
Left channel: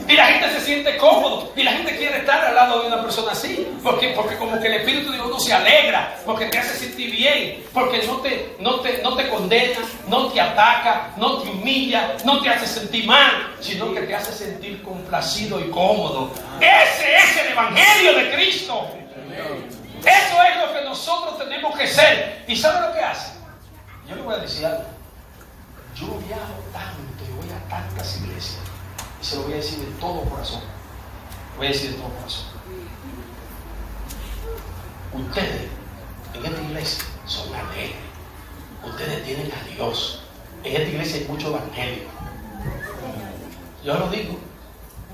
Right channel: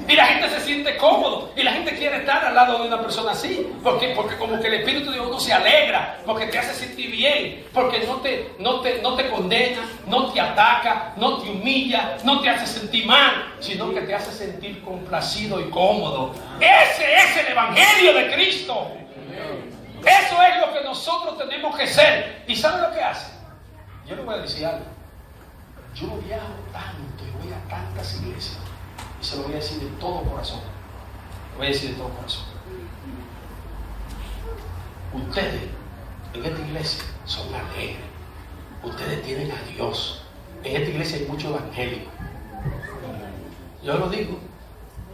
Y la gente se siente cómodo y la gente quiere estar al lado de una persona así, porque como que el Espíritu de uno se alegra, porque te hace sentir bien, porque no te condena, no te ataca, no te humilla, no te hace sentir mal, sino que te hace sentir complacido y cómodo. Ese es el Evangelio de Cristo. Eso es lo que nosotros tenemos que ser. ¿Y sabe lo que hace? Yo le voy a decir algo. Yo viajo tanto y voy a tantas iglesias, y se lo voy a decir de todo corazón. Lo voy a decir de todo corazón. Ustedes en esta iglesia son alegres. Ustedes tienen a Dios. En esta iglesia hay mucho evangelio. Yo lo digo,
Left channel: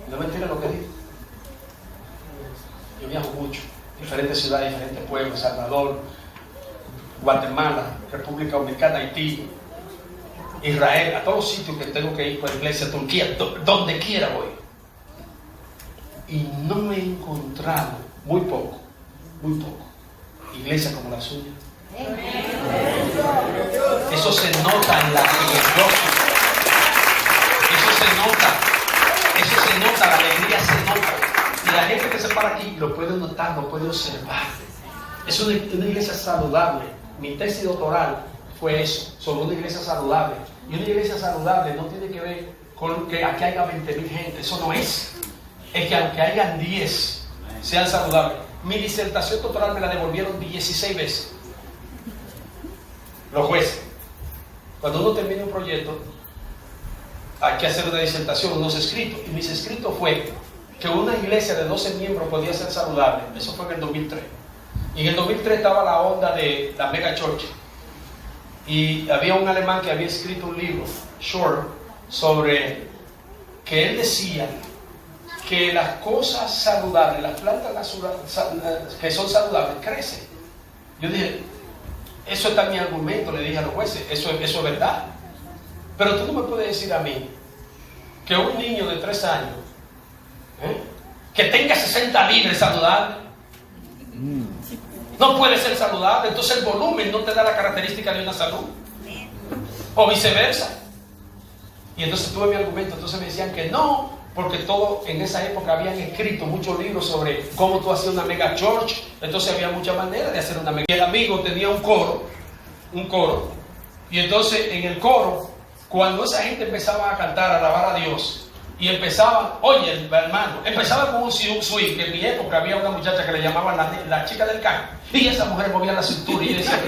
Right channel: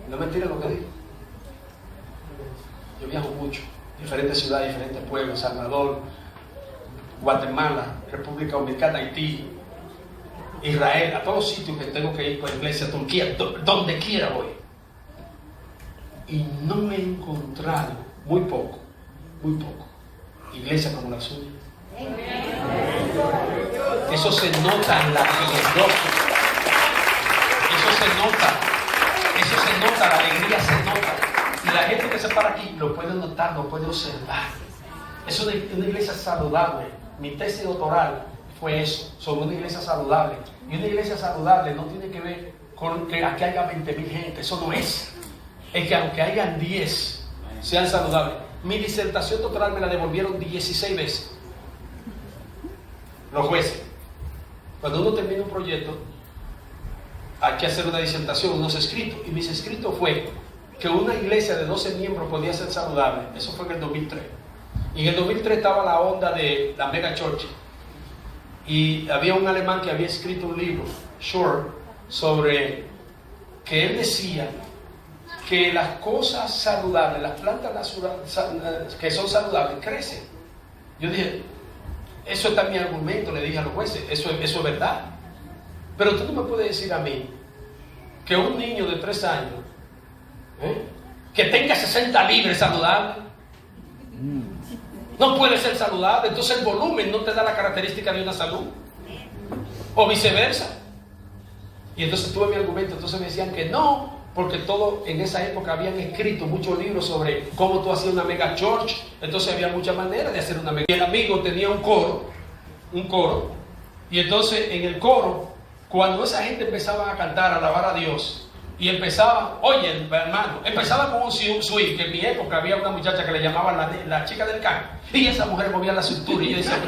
no es mentira lo que digo. Yo viajo mucho, diferentes ciudades, diferentes pueblos, Salvador, Guatemala, República Dominicana, Haití, Israel, a todos sitios que tengo que ir con la iglesia, Turquía, donde quiera voy. Y no me he encontrado, muy poco, iglesias como la suya. Eso se nota en la rostro. Eso se nota, la alegría se nota. Y la gente que se para aquí lo puede notar, lo puede observar. Es una iglesia saludable. Mi tesis doctoral fue eso, sobre una iglesia saludable. Y una iglesia saludable no tiene que ver con que aquí haya 20,000 gente, eso no es. Es que aunque hayan 10, sean saludables. Mi disertación doctoral me la devolvieron 16 veces. Los jueces. Cuando uno termina un proyecto, hay que hacer una disertación, unos escritos. Y mis escritos fue que una iglesia de 12 miembros podía ser saludable. Eso fue en el 2003. Y en el 2003 estaba la onda de la mega church. Y había un alemán que había escrito un libro, Short, sobre que él decía que las cosas saludables, las plantas que son saludables, crecen. Yo dije, eso está mi argumento, le dije a los jueces, eso es verdad. Pero tú no me puedes decir a mí que un niño de 3 años, que tenga 60 libras saludable, no puede ser saludable. Entonces el volumen no te da la característica de una salud, o viceversa. Y entonces tuve mi argumento. Entonces me decían que no, porque todo en esa época habían escrito muchos libros sobre cómo tú hacías una mega church. Entonces había muchas maneras de hacer una mega. Y el amigo tenía un coro, y entonces en el coro, cuando esa gente empezaba a cantar, a alabar a Dios, y empezaban, oye hermano, empezaba con un swing, que en mi época había una muchacha que le llamaban la chica del can, y esa mujer movía la cintura y decía,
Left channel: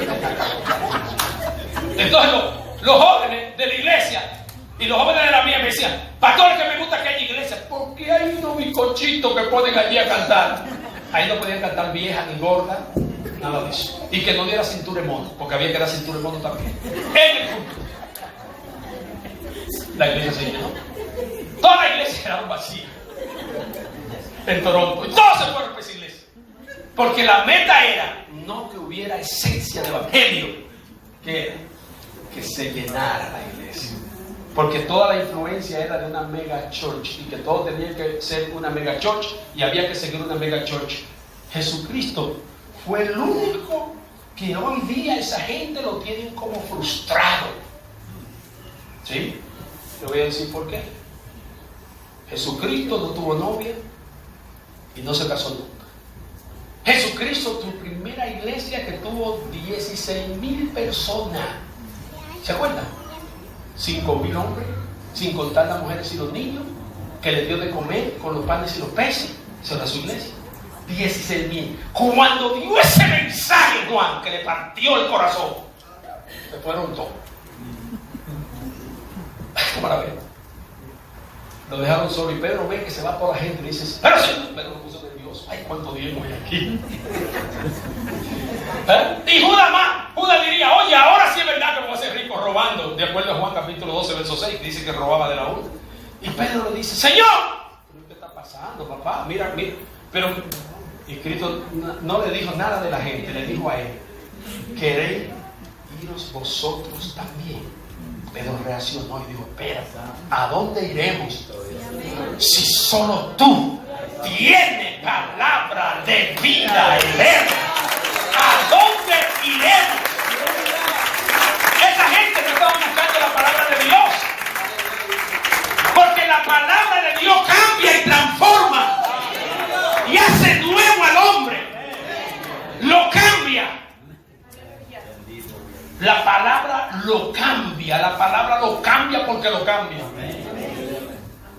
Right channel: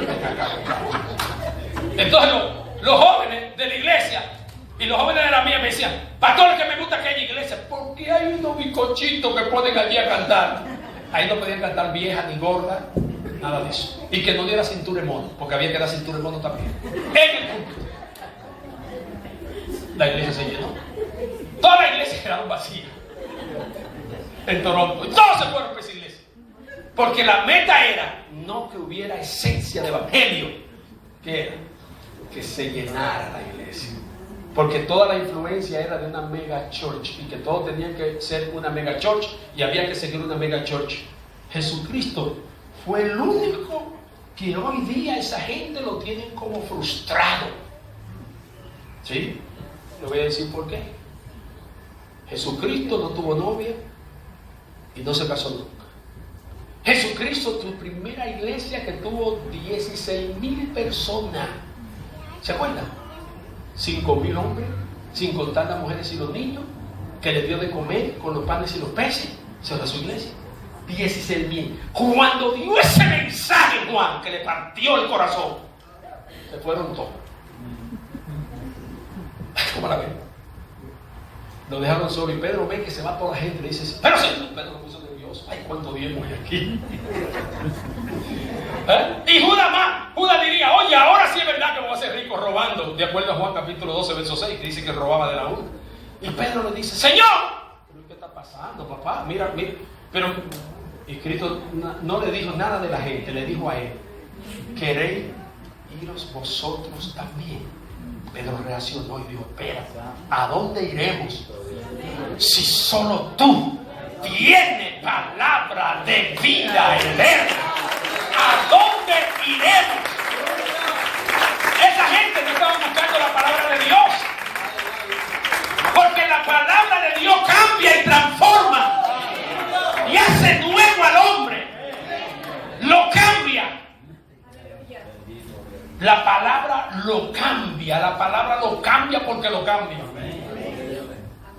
entonces los jóvenes de la iglesia y los jóvenes de la mía me decían, pastor, que me gusta aquella iglesia, porque hay unos bizcochitos que ponen allí a cantar. Ahí no podían cantar vieja ni gorda, nada de eso, y que no diera cintura de mono, porque había que dar cintura de mono también. En el culto la iglesia se llenó. Toda la iglesia quedaba vacía en Toronto, y todos se fueron para esa iglesia, porque la meta era no que hubiera esencia de evangelio, que se llenara la iglesia, porque toda la influencia era de una mega church, y que todo tenía que ser una mega church, y había que seguir una mega church. Jesucristo fue el único que hoy día esa gente lo tienen como frustrado. ¿Sí? Le voy a decir por qué. Jesucristo no tuvo novia y no se casó nunca. Jesucristo, tu primera iglesia que tuvo 16,000 personas. ¿Se acuerdan? 5,000 hombres, sin contar las mujeres y los niños, que le dio de comer con los panes y los peces. Esa era su iglesia. 16,000. Cuando dio ese mensaje, Juan, que le partió el corazón, se fueron todos. ¿Cómo la ven? Lo dejaron solo y Pedro ve que se va toda la gente y dice, pero sí, Pedro lo puso nervioso. Ay, cuánto dinero hay aquí. Y Judas diría, oye, ahora sí es verdad que me voy a hacer rico robando, de acuerdo a Juan capítulo 12, verso 6, que dice que robaba de la urna. Y Pedro le dice, Señor, ¿pero qué está pasando, papá? Mira. Pero y Cristo no le dijo nada de la gente, le dijo a él, ¿queréis iros vosotros también? Pedro reaccionó y dijo, espera, ¿a dónde iremos? Si solo tú tienes palabra de vida eterna, ¿a dónde iremos? Esa gente no estaba buscando la palabra de Dios, porque la palabra de Dios cambia y transforma lo cambia. La palabra lo cambia. La palabra lo cambia porque lo cambia.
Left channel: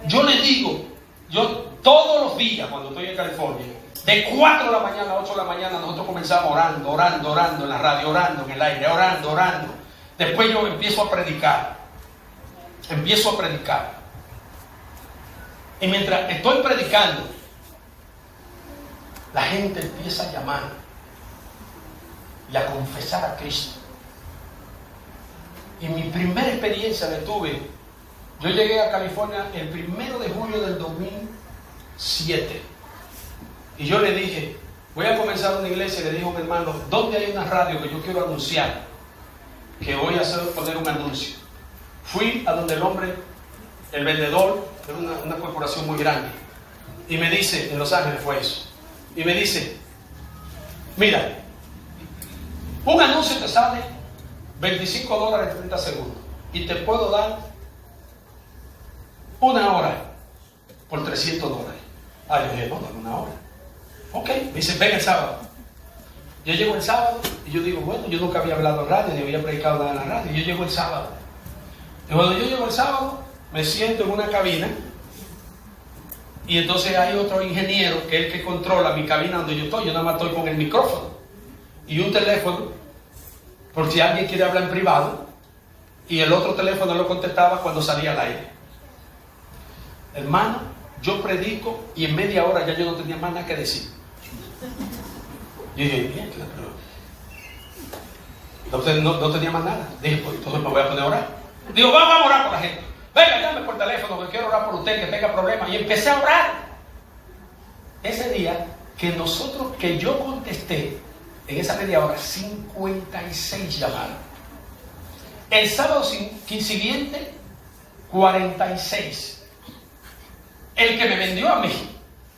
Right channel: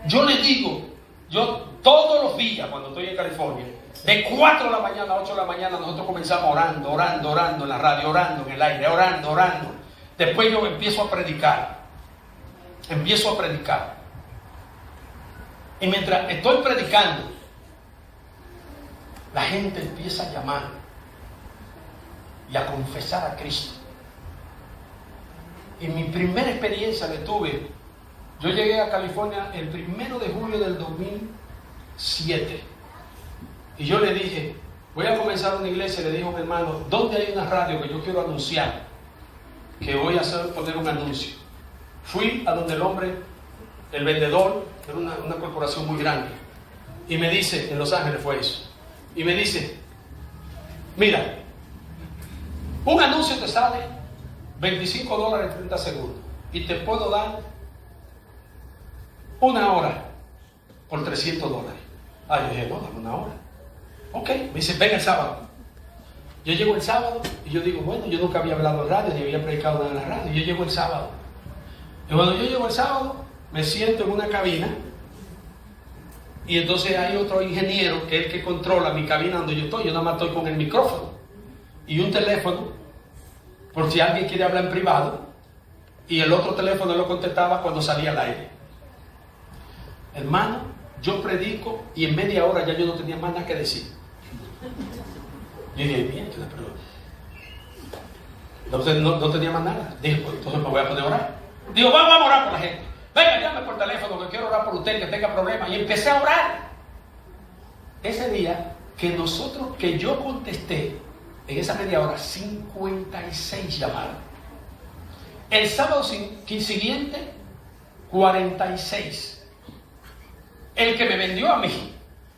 Yo le digo, yo todos los días cuando estoy en California, de 4 de la mañana a 8 de la mañana, nosotros comenzamos orando en la radio, orando en el aire, orando. Después yo empiezo a predicar. Y mientras estoy predicando, la gente empieza a llamar y a confesar a Cristo. Y mi primera experiencia la tuve, yo llegué a California el 1 de julio del 2007. Y yo le dije, voy a comenzar una iglesia. Y le dije a mi hermano, ¿dónde hay una radio que yo quiero anunciar? Que voy a poner un anuncio. Fui a donde el hombre, el vendedor, era una corporación muy grande. Y me dice, en Los Ángeles fue eso. Y me dice, mira, un anuncio te sale $25 en 30 segundos. Y te puedo dar 1 hora por $300. Yo dije, no, dame 1 hora. Ok, me dice, ven el sábado. Yo llego el sábado y yo digo, bueno, yo nunca había hablado en radio, ni había predicado nada en la radio. Yo llego el sábado. Y cuando yo llego el sábado, me siento en una cabina. Y entonces hay otro ingeniero que es el que controla mi cabina donde yo estoy. Yo nada más estoy con el micrófono y un teléfono, por si alguien quiere hablar en privado. Y el otro teléfono lo contestaba cuando salía al aire. Hermano, yo predico y en media hora ya yo no tenía más nada que decir. Yo dije, bien, pero no tenía más nada. Dije, pues entonces me voy a poner a orar. Digo, vamos a orar por la gente. Venga, llame por teléfono, que quiero orar por usted que tenga problemas. Y empecé a orar. Ese día que yo contesté, en esa media hora, 56 llamadas. El sábado siguiente, 46. El que me vendió a mí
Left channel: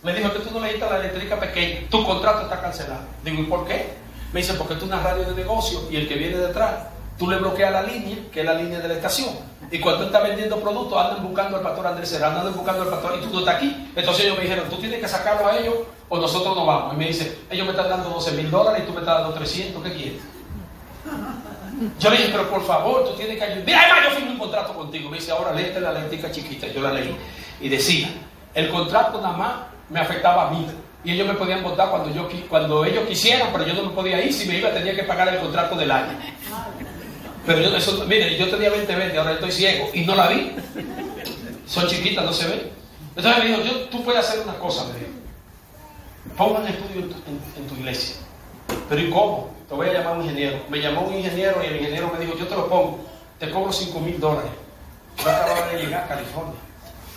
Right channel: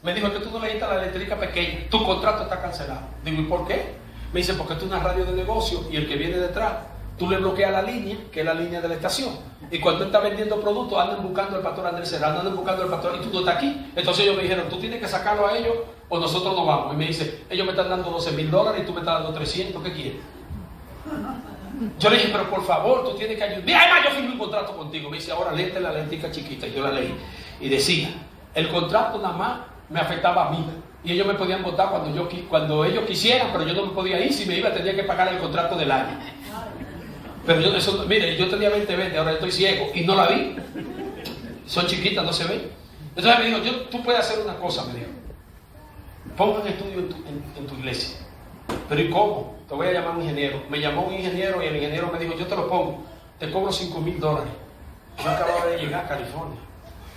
me dijo que tú no necesitas la eléctrica pequeña, tu contrato está cancelado. Digo, ¿y por qué? Me dice, porque tú es una radio de negocio y el que viene detrás, tú le bloqueas la línea, que es la línea de la estación. Y cuando él está vendiendo productos, andan buscando al pastor Andrés Serrano, andan buscando al pastor, y tú no estás aquí. Entonces ellos me dijeron, tú tienes que sacarlo a ellos o nosotros no vamos. Y me dice, ellos me están dando $12,000 y tú me estás dando 300, ¿qué quieres? Yo le dije, pero por favor, tú tienes que ayudar. Mira, además yo firmé un contrato contigo. Me dice, ahora léete la lentica chiquita. Yo la leí y decía, el contrato nada más me afectaba a mí. Y ellos me podían votar cuando ellos quisieran, pero yo no me podía ir. Si me iba tenía que pagar el contrato del año. Pero mire, yo tenía 20, ahora estoy ciego y no la vi. Son chiquitas, no se ven. Entonces me dijo, tú puedes hacer una cosa, me dijo. Pon un estudio en tu iglesia. Pero ¿y cómo? Te voy a llamar a un ingeniero. Me llamó un ingeniero y el ingeniero me dijo, yo te lo pongo, te cobro $5,000. Yo acababa de llegar a California.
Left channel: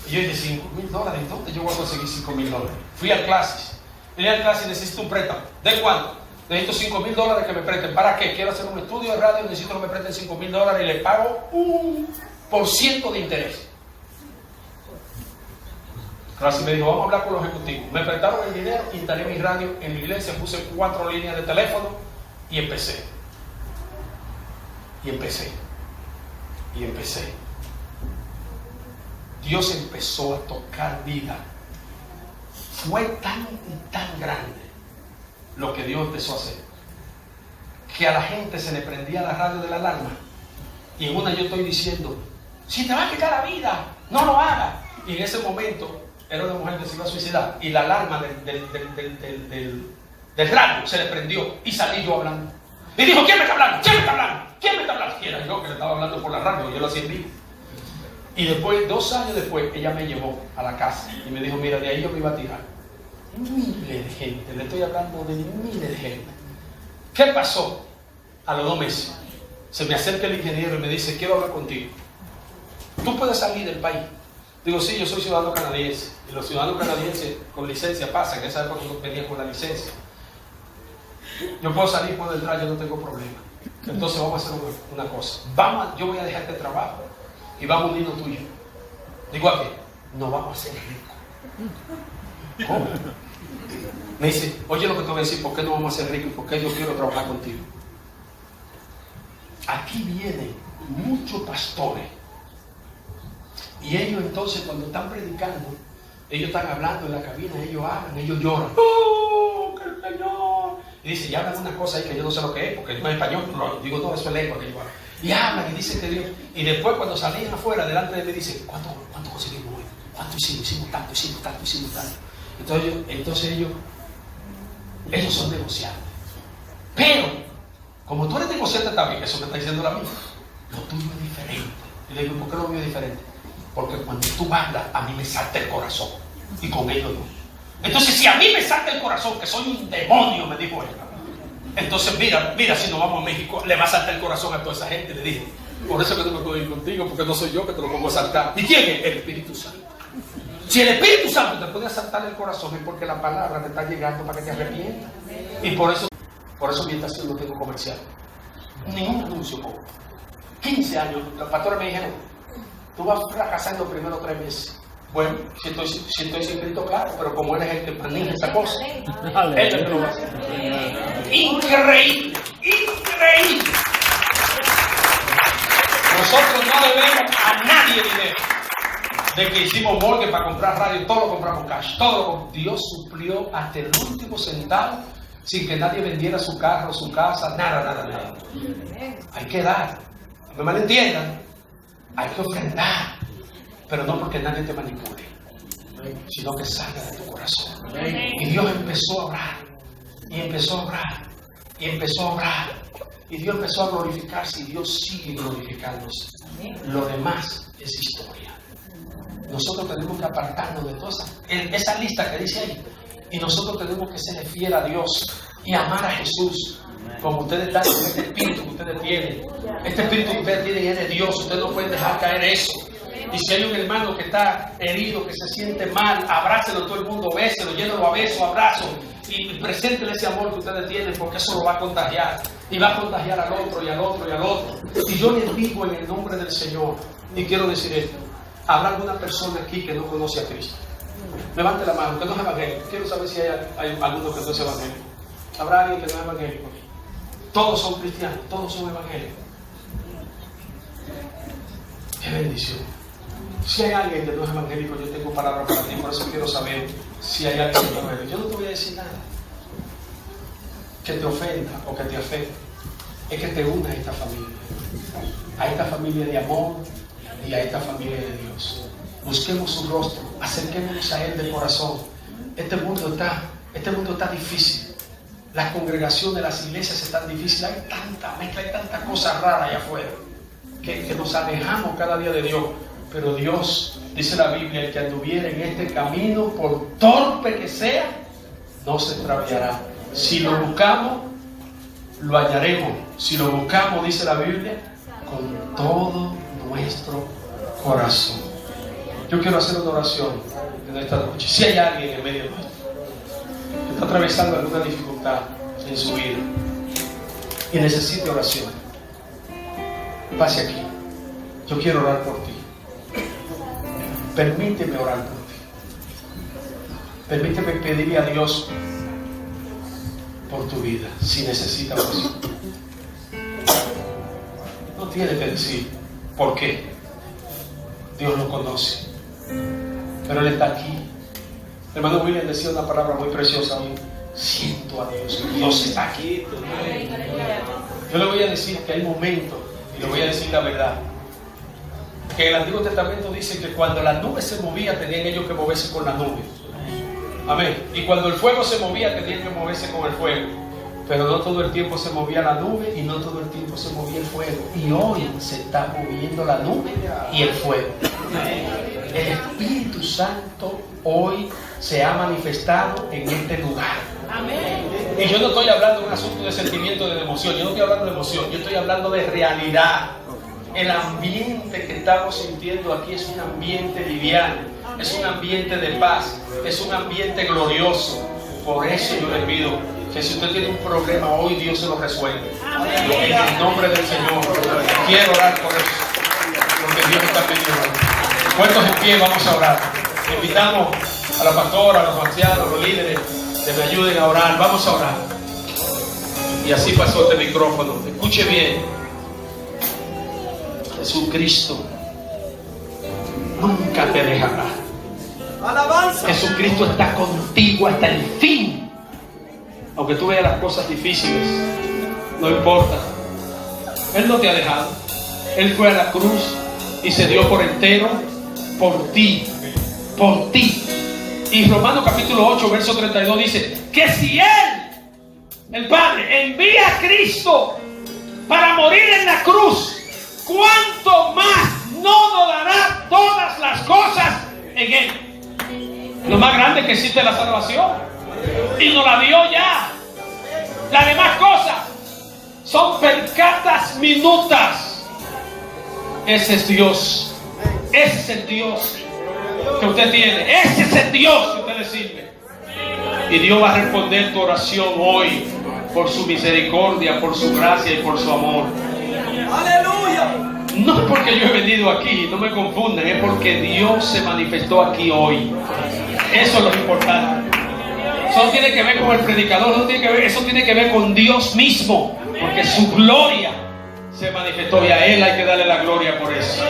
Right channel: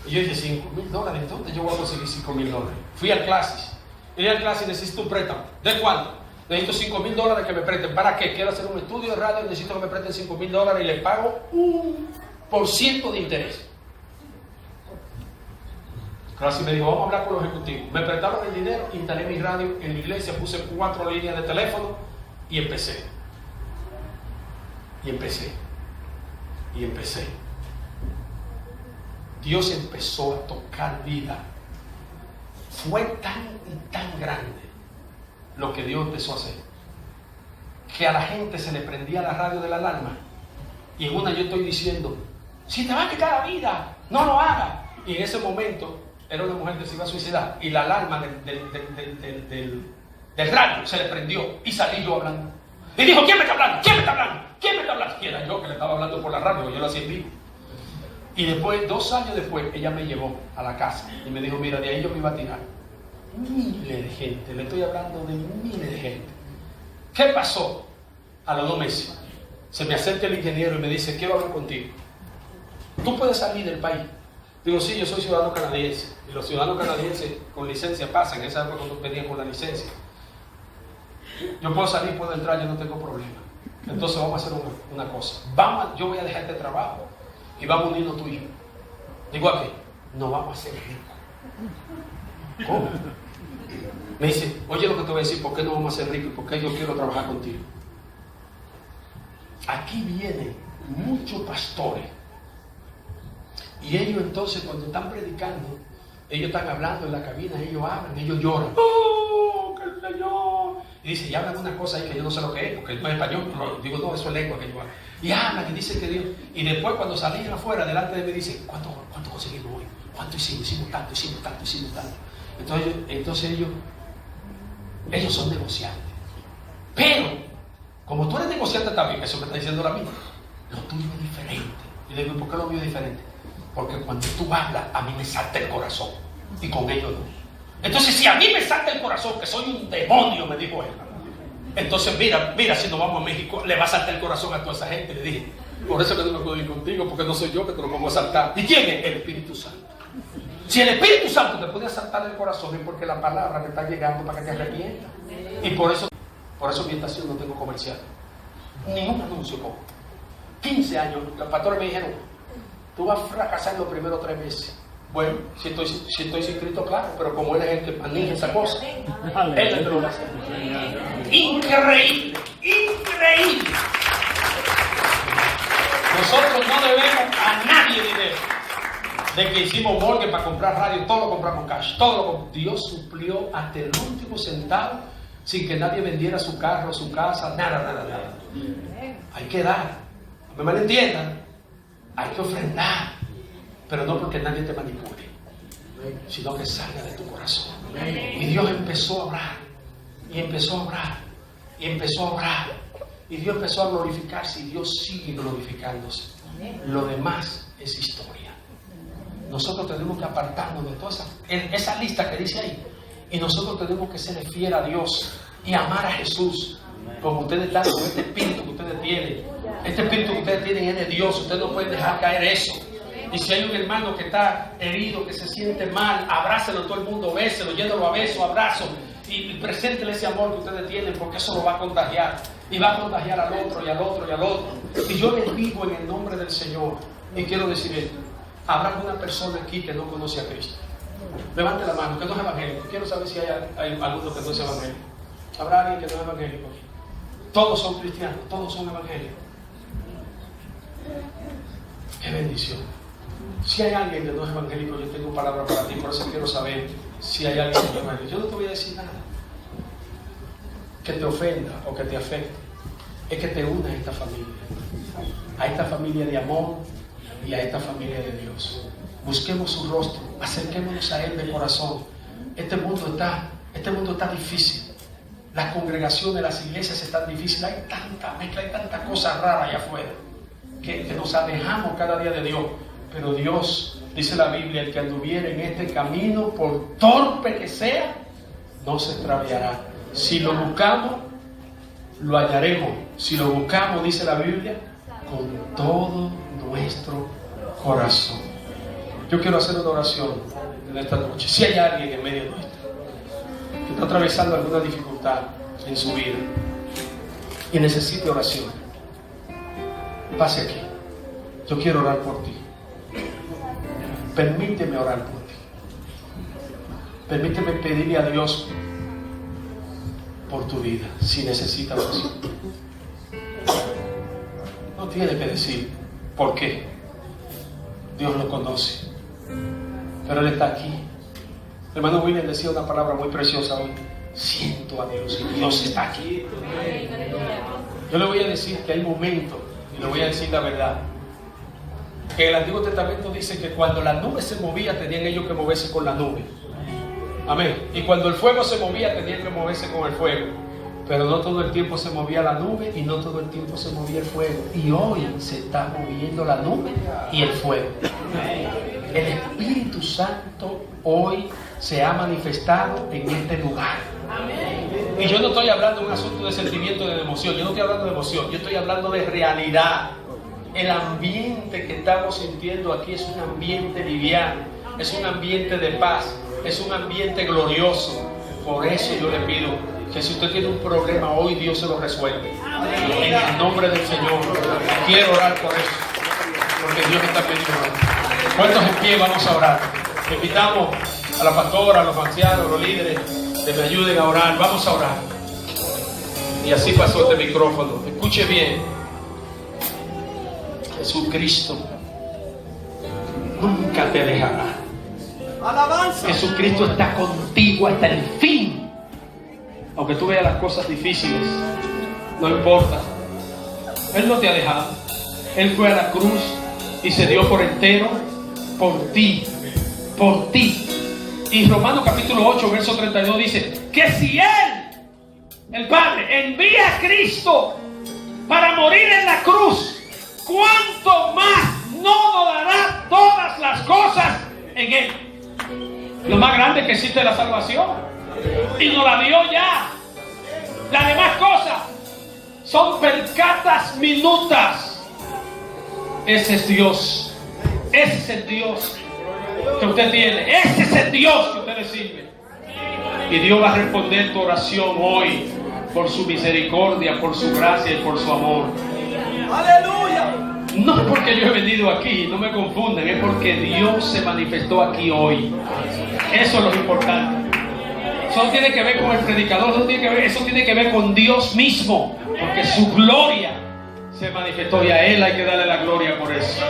Y yo dije, $5,000, ¿en dónde yo voy a conseguir $5,000? Fui al clases. Y al clases necesito un préstamo. ¿De cuánto? Necesito $5,000 que me presten. ¿Para qué? Quiero hacer un estudio de radio, necesito que me presten $5,000 y le pago 1% de interés. Clase me dijo, vamos a hablar con los ejecutivos. Me prestaron el dinero, instalé mi radio en la iglesia, puse 4 líneas de teléfono y empecé. Dios empezó a tocar vida. Fue tan y tan grande lo que Dios empezó a hacer, que a la gente se le prendía la radio de la alarma. Y en una yo estoy diciendo, si te va a quitar la vida, no lo hagas. Y en ese momento era una mujer que se iba a suicidar y la alarma del radio se le prendió y salí yo hablando. Y dijo, ¿quién me está hablando? ¿Quién me está hablando? ¿Quién me está hablando? Y era yo que le estaba hablando por la radio, yo lo hacía en vivo. Y después, 2 años después, ella me llevó a la casa y me dijo, mira, de ahí yo me iba a tirar. Miles de gente, le estoy hablando de miles de gente. ¿Qué pasó? A los 2 meses, se me acerca el ingeniero y me dice, quiero hablar contigo. ¿Tú puedes salir del país? Digo, sí, yo soy ciudadano canadiense. Y los ciudadanos canadienses con licencia pasan. En esa época venían con la licencia. Yo puedo salir, puedo entrar, yo no tengo problema. Entonces vamos a hacer una cosa. Yo voy a dejar este trabajo y vamos a unirnos tú y yo. Digo, ¿a qué? Nos vamos a hacer ricos. ¿Cómo? Me dice, oye lo que te voy a decir, ¿por qué no vamos a ser ricos y por qué yo quiero trabajar contigo? Aquí vienen muchos pastores y ellos entonces cuando están predicando, ellos están hablando en la cabina, ellos hablan, ellos lloran. ¡Oh, que el Señor! y dice, y hablan una cosa ahí que yo no sé lo que es, porque no es español, digo, no, eso es lengua que yo hablo. Y hablan y dicen que Dios, y después cuando salían afuera, delante de mí, dicen, ¿cuánto conseguimos hoy? ¿Cuánto hicimos? Hicimos tanto. Entonces ellos son negociantes. Pero, como tú eres negociante también, eso que está diciendo ahora mismo, lo tuyo es diferente. Y le digo, ¿por qué lo mío es diferente? Porque cuando tú hablas, a mí me salta el corazón, y con ellos no. Entonces, si a mí me salta el corazón, que soy un demonio, me dijo él, entonces mira, si nos vamos a México, le va a saltar el corazón a toda esa gente. Le dije, por eso que no me puedo ir contigo, porque no soy yo que te lo pongo a saltar. ¿Y quién es? El Espíritu Santo. Si el Espíritu Santo te puede asaltar el corazón, es porque la palabra te está llegando para que te arrepientas. Y por eso mi estación no tengo comercial. Ningún anuncio pongo. 15 años, los pastores me dijeron, tú vas fracasando los primeros 3 meses. Bueno, si estoy inscrito, claro, pero como él es el que maneja esa cosa, él es el que lo va a hacer. Increíble. Nosotros no debemos a nadie dinero. De que hicimos mortgage para comprar radio, todo lo compramos cash. Dios suplió hasta el último centavo sin que nadie vendiera su carro, su casa, nada. Hay que dar. No me malentiendan. Hay que ofrendar. Pero no porque nadie te manipule, sino que salga de tu corazón. Y Dios empezó a orar. Y empezó a orar. Y Dios empezó a glorificarse. Y Dios sigue glorificándose. Lo demás es historia. Nosotros tenemos que apartarnos de toda esa lista que dice ahí. Y nosotros tenemos que ser fiel a Dios y amar a Jesús. Como ustedes están con este espíritu que ustedes tienen. Este espíritu que ustedes tienen es de Dios. Ustedes no pueden dejar caer eso. Y si hay un hermano que está herido, que se siente mal, abrácelo todo el mundo, béselo, llévelo a besos, abrazos. Y preséntele ese amor que ustedes tienen, porque eso lo va a contagiar. Y va a contagiar al otro y al otro y al otro. Y yo les digo en el nombre del Señor, y quiero decir esto. ¿Habrá alguna persona aquí que no conoce a Cristo? Levante la mano, que no es evangélico. Quiero saber si hay alguno que no es evangélico. ¿Habrá alguien que no es evangélico? Todos son cristianos, todos son evangélicos. ¡Qué bendición! Si hay alguien que no es evangélico, yo tengo palabras para ti, por eso quiero saber si hay alguien que no es evangélico. Yo no te voy a decir nada que te ofenda o que te afecte. Es que te una a esta familia de amor y a esta familia de Dios. Busquemos su rostro, acerquémonos a Él de corazón. Este mundo está difícil. Las congregaciones, las iglesias están difíciles. Hay tanta mezcla, hay tanta cosa rara allá afuera que nos alejamos cada día de Dios. Pero Dios, dice la Biblia, el que anduviera en este camino, por torpe que sea, no se extraviará. Si lo buscamos, lo hallaremos. Si lo buscamos, dice la Biblia, con todo nuestro corazón. Yo quiero hacer una oración en esta noche. Si hay alguien en medio de nosotros que está atravesando alguna dificultad en su vida y necesita oración, pase aquí. Yo quiero orar por ti. Permíteme orar por ti. Permíteme pedirle a Dios por tu vida si necesita oración. No tiene que decir por qué. Dios lo conoce. Pero Él está aquí. El hermano William decía una palabra muy preciosa hoy. Siento a Dios. Dios está aquí. Yo le voy a decir que hay momentos, y le voy a decir la verdad, que el Antiguo Testamento dice que cuando la nube se movía, tenían ellos que moverse con la nube. Amén. Y cuando el fuego se movía, tenían que moverse con el fuego. Pero no todo el tiempo se movía la nube y no todo el tiempo se movía el fuego. Y hoy se está moviendo la nube y el fuego. El Espíritu Santo hoy se ha manifestado en este lugar. Y yo no estoy hablando de un asunto de sentimiento, de emoción. Yo no estoy hablando de emoción. Yo estoy hablando de realidad. El ambiente que estamos sintiendo aquí es un ambiente liviano. Es un ambiente de paz. Es un ambiente glorioso. Por eso yo le pido que si usted tiene un problema hoy, Dios se lo resuelve. En el nombre del Señor. Quiero orar por eso. Porque Dios está pidiendo. Puestos en pie, vamos a orar. Invitamos a la pastora, a los ancianos, a los líderes, que me ayuden a orar. Vamos a orar. Y así pasó este micrófono. Escuche bien. Jesucristo nunca te dejará. Alabanza. Jesucristo está contigo hasta el fin. Aunque tú veas las cosas difíciles, no importa. Él no te ha dejado. Él fue a la cruz y se dio por entero por ti. Por ti. Y Romanos capítulo 8, verso 32 dice que si Él, el Padre, envía a Cristo para morir en la cruz, ¿cuánto más no nos dará todas las cosas en Él? Lo más grande que existe es la salvación. Y nos la dio ya. Las demás cosas son percatas minutas. Ese es Dios. Ese es el Dios que usted tiene. Ese es el Dios que usted le sirve. Y Dios va a responder tu oración hoy por su misericordia, por su gracia y por su amor. ¡Aleluya! No es porque yo he venido aquí, no me confunden, es porque Dios se manifestó aquí hoy. Eso es lo importante. Eso no tiene que ver con el predicador, eso tiene que ver con Dios mismo, porque su gloria se manifestó y a Él hay que darle la gloria por eso.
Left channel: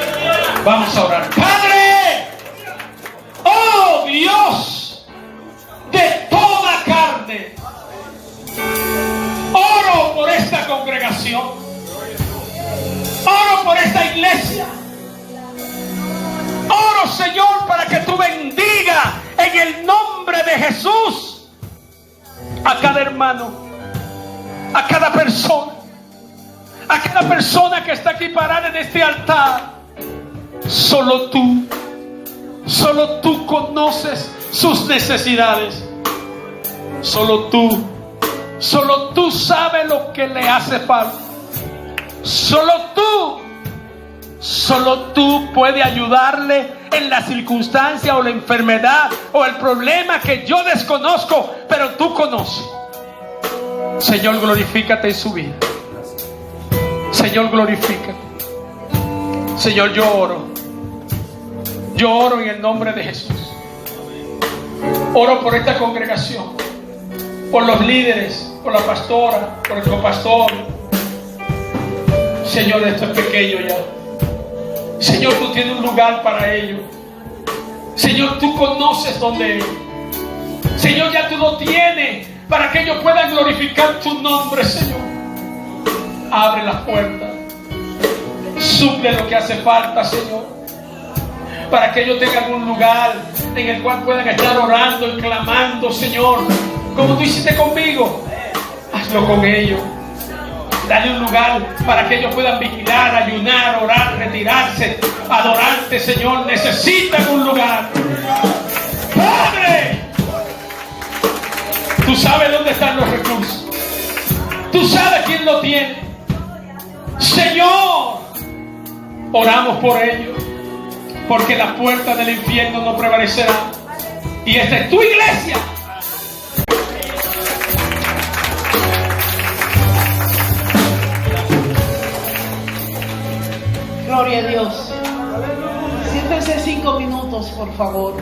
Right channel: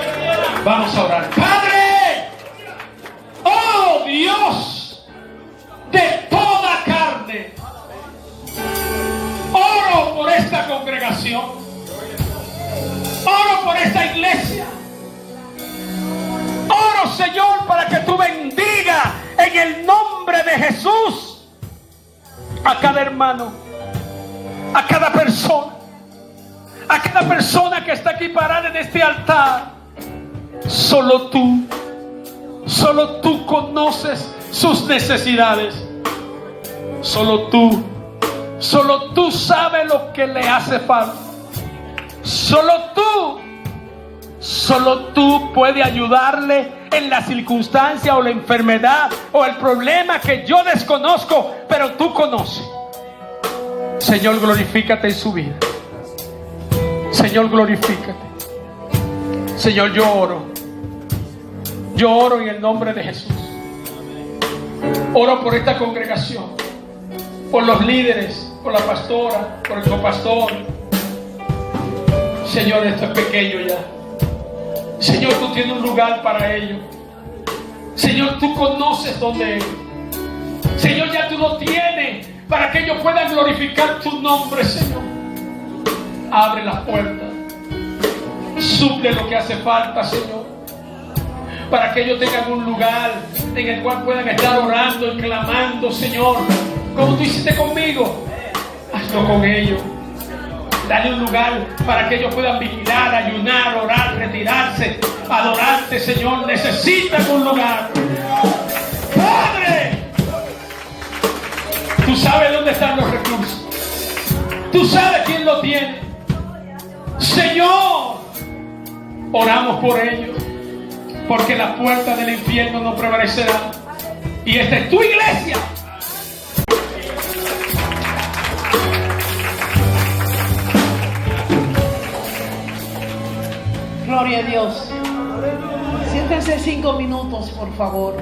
Vamos a orar. Padre, oh Dios de toda carne, oro por esta congregación, oro por esta iglesia, oro, Señor, para que tú bendigas en el nombre de Jesús a cada hermano, a cada persona que está aquí parada en este altar. Solo tú conoces sus necesidades. Solo tú sabes lo que le hace falta. Solo tú puedes ayudarle en la circunstancia o la enfermedad o el problema que yo desconozco, pero tú conoces. Señor, glorifícate en su vida. Señor, glorifícate. Señor, yo oro en el nombre de Jesús. Oro por esta congregación, por los líderes, por la pastora, por el copastor. Señor, esto es pequeño ya. Señor, tú tienes un lugar para ellos. Señor, tú conoces dónde es. Señor, ya tú lo tienes para que ellos puedan glorificar tu nombre, Señor. Abre las puertas. Suple lo que hace falta, Señor, para que ellos tengan un lugar en el cual puedan estar orando y clamando, Señor, como tú hiciste conmigo. Hazlo con ellos. Dale un lugar para que ellos puedan vigilar, ayunar, orar, retirarse, adorarte, Señor. Necesitan un lugar. Padre, tú sabes dónde están los recursos. Tú sabes quién lo tiene. Señor, oramos por ellos, porque las puertas del infierno no prevalecerán. Y esta es tu iglesia. Gloria a Dios. Siéntense 5 minutos, por favor.